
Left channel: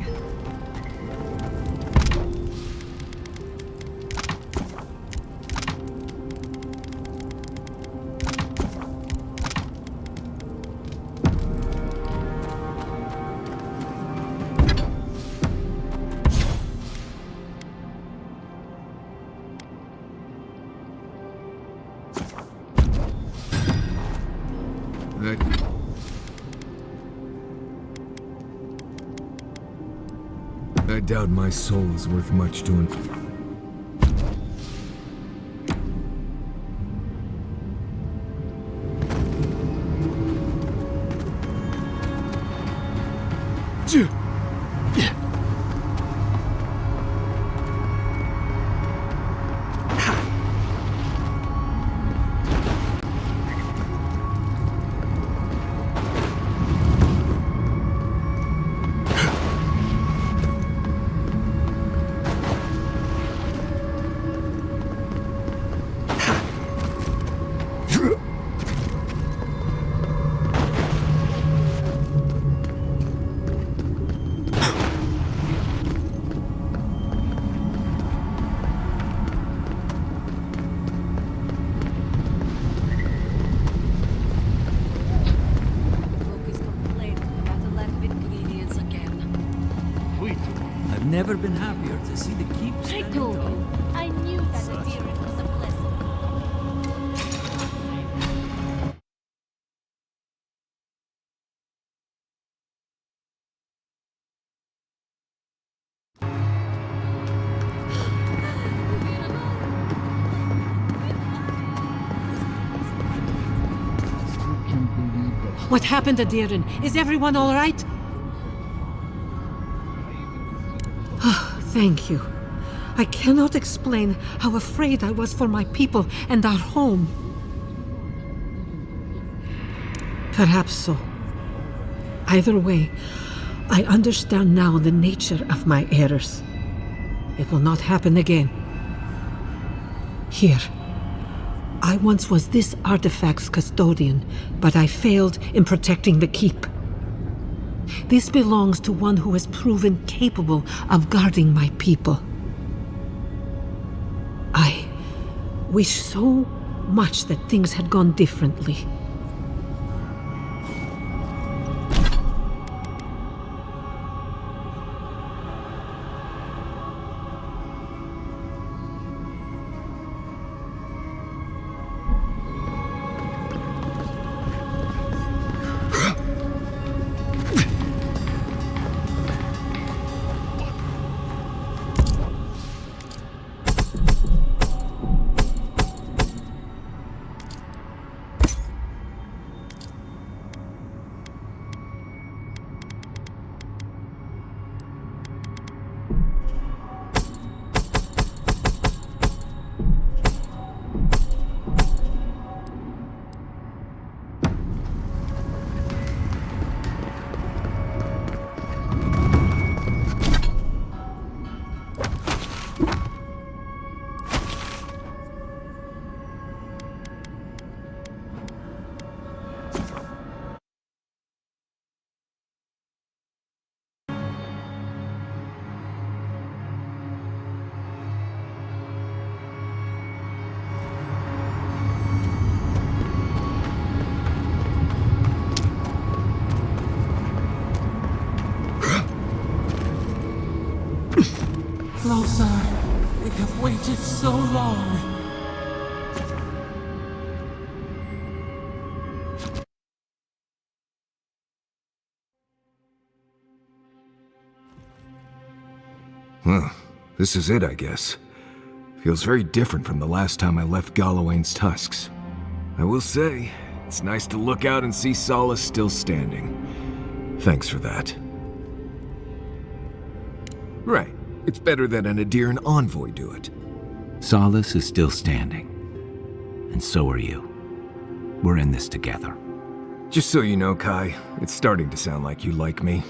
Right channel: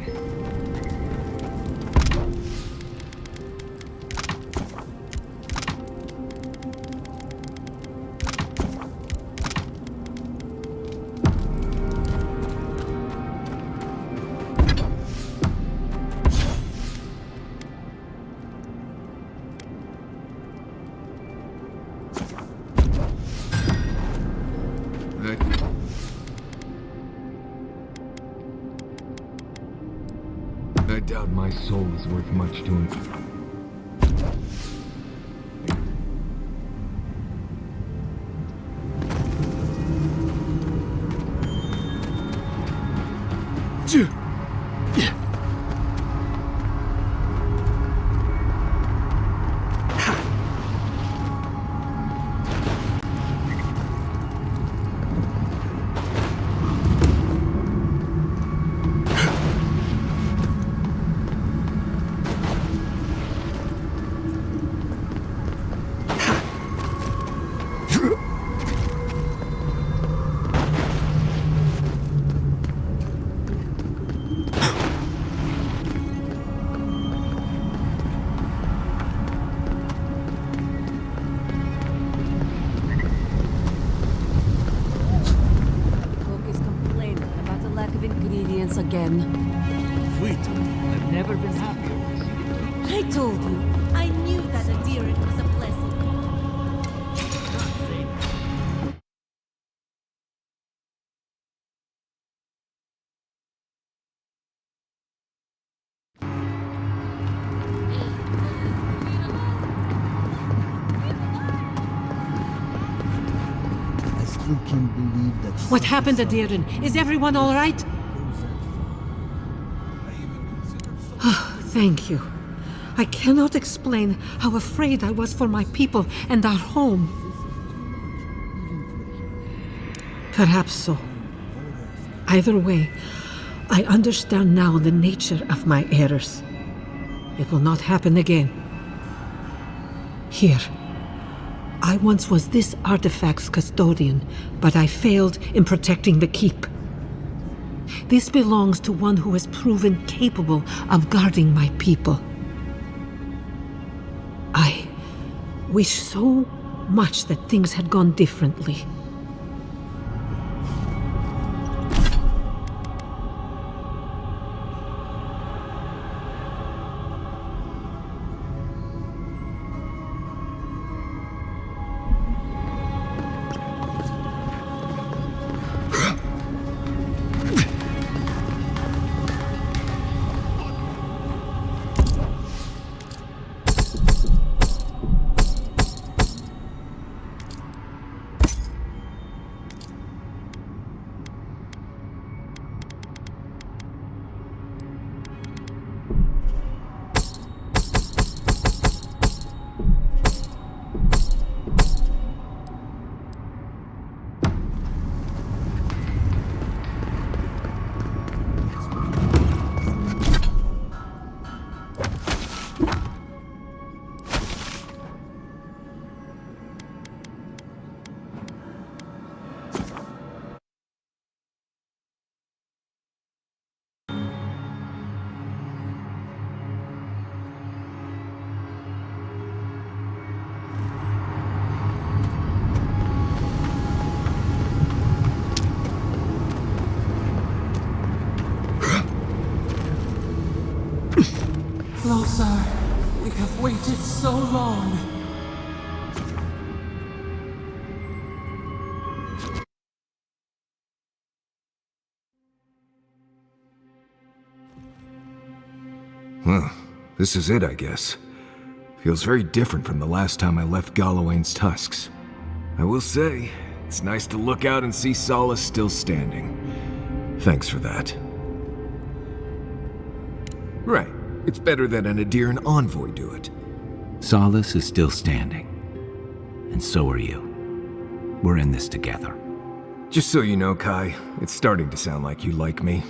I doubt my soul is worth much to him. Ingredients again. Wait, I've never been happier to see the keep. I told you. I knew that Adirith was a blessing. What happened to Deeren? Is everyone all right? Thank you. I cannot explain how afraid I was for my people and our home. Perhaps so. Either way, I understand now the nature of my errors. It will not happen again. Here. I once was this artifact's custodian, but I failed in protecting the keep. This belongs to one who has proven capable of guarding my people. I wish so much that things had gone differently. Closer. We have waited so long. Well, this is it, I guess. Feels very different from the last time I left Galawain's tusks. I will say, it's nice to look out and see Solace still standing. Thanks for that. Right. It's better that an Adiran envoy do it. Solace is still standing. And so are you. We're in this together. Just so you know, Kai, it's starting to sound like you like me.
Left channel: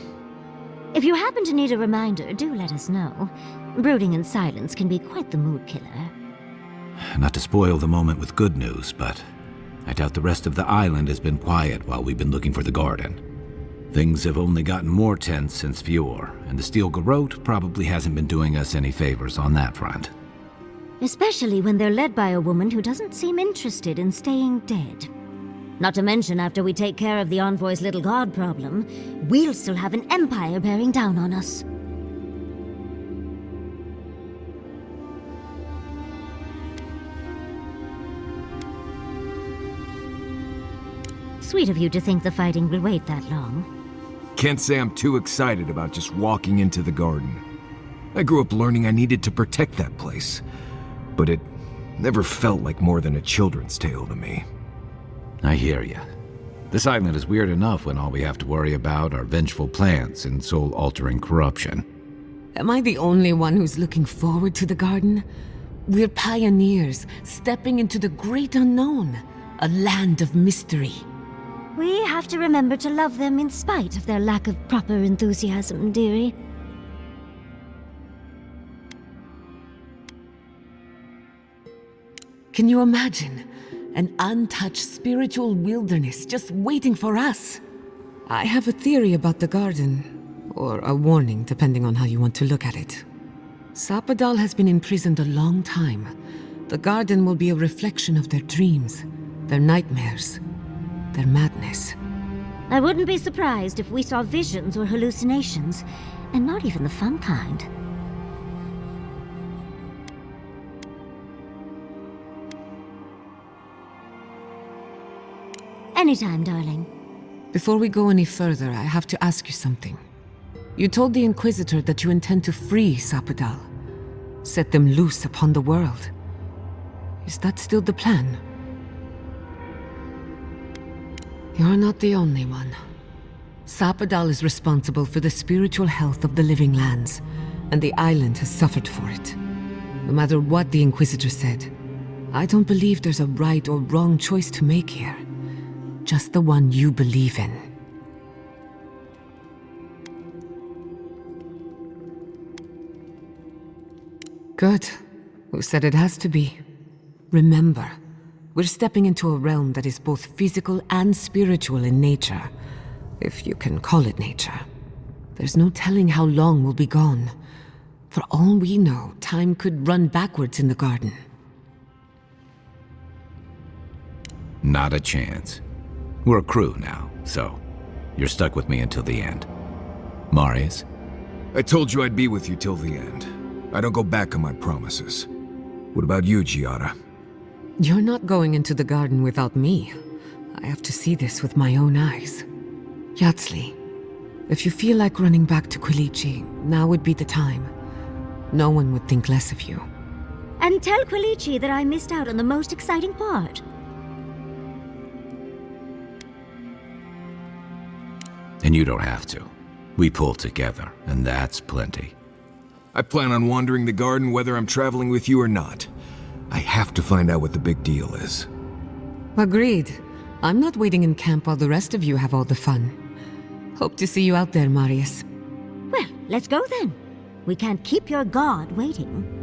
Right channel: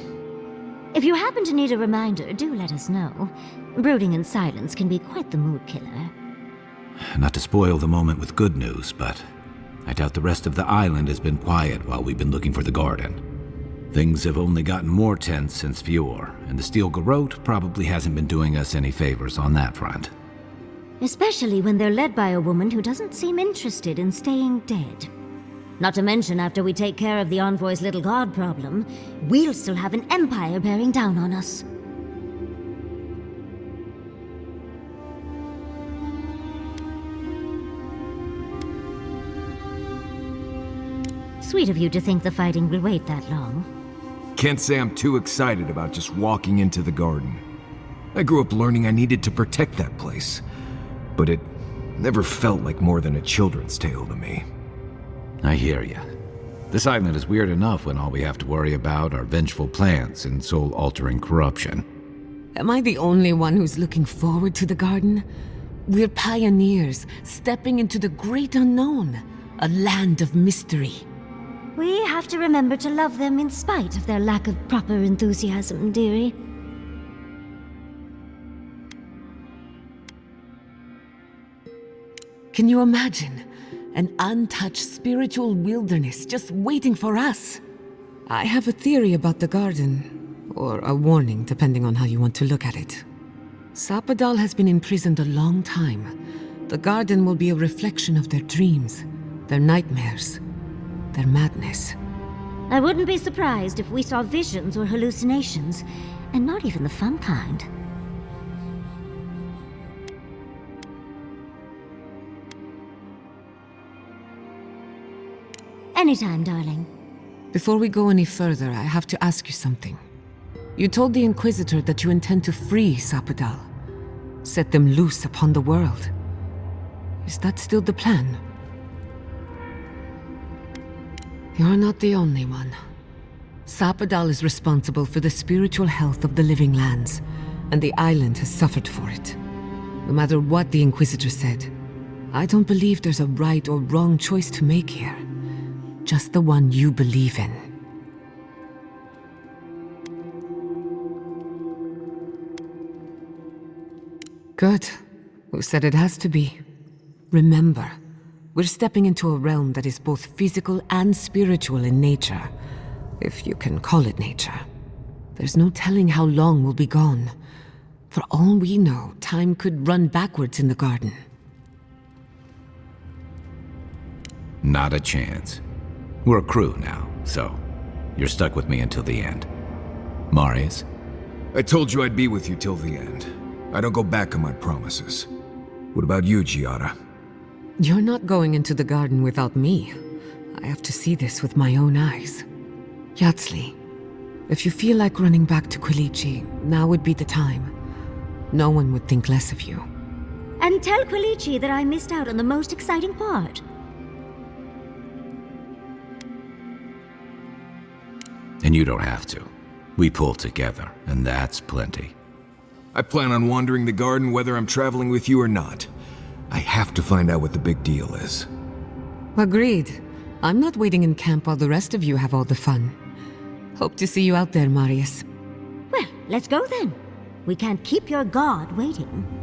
If you happen to need a reminder, do let us know. Brooding in silence can be quite the mood killer. Not to spoil the moment with good news, but I doubt the rest of the island has been quiet while we've been looking for the garden. Things have only gotten more tense since Fjord, and the Steel Garrote probably hasn't been doing us any favors on that front. Especially when they're led by a woman who doesn't seem interested in staying dead. Not to mention, after we take care of the Envoy's little god problem, we'll still have an empire bearing down on us. Sweet of you to think the fighting will wait that long. Can't say I'm too excited about just walking into the garden. I grew up learning I needed to protect that place, but it never felt like more than a children's tale to me. I hear ya. This island is weird enough when all we have to worry about are vengeful plans and soul-altering corruption. Am I the only one who's looking forward to the garden? We're pioneers, stepping into the great unknown, a land of mystery. We have to remember to love them in spite of their lack of proper enthusiasm, dearie. Can you imagine? An untouched spiritual wilderness just waiting for us. I have a theory about the garden, or a warning, depending on how you want to look at it. Sapadal has been imprisoned a long time. The garden will be a reflection of their dreams, their nightmares, their madness. I wouldn't be surprised if we saw visions or hallucinations, and not even the fun kind. Anytime, darling. Before we go any further, I have to ask you something. You told the Inquisitor that you intend to free Sapadal, set them loose upon the world. Is that still the plan? You're not the only one. Sapadal is responsible for the spiritual health of the living lands, and the island has suffered for it. No matter what the Inquisitor said, I don't believe there's a right or wrong choice to make here. Just the one you believe in. Good. Who said it has to be? Remember, we're stepping into a realm that is both physical and spiritual in nature, if you can call it nature. There's no telling how long we'll be gone. For all we know, time could run backwards in the garden. Not a chance. We're a crew now, so you're stuck with me until the end. Marius? I told you I'd be with you till the end. I don't go back on my promises. What about you, Giada? You're not going into the garden without me. I have to see this with my own eyes. Yatsli, if you feel like running back to Quilici, now would be the time. No one would think less of you. And tell Quilici that I missed out on the most exciting part. And you don't have to. We pull together, and that's plenty. I plan on wandering the garden whether I'm traveling with you or not. I have to find out what the big deal is. Agreed. I'm not waiting in camp while the rest of you have all the fun. Hope to see you out there, Marius. Well, let's go then. We can't keep your god waiting.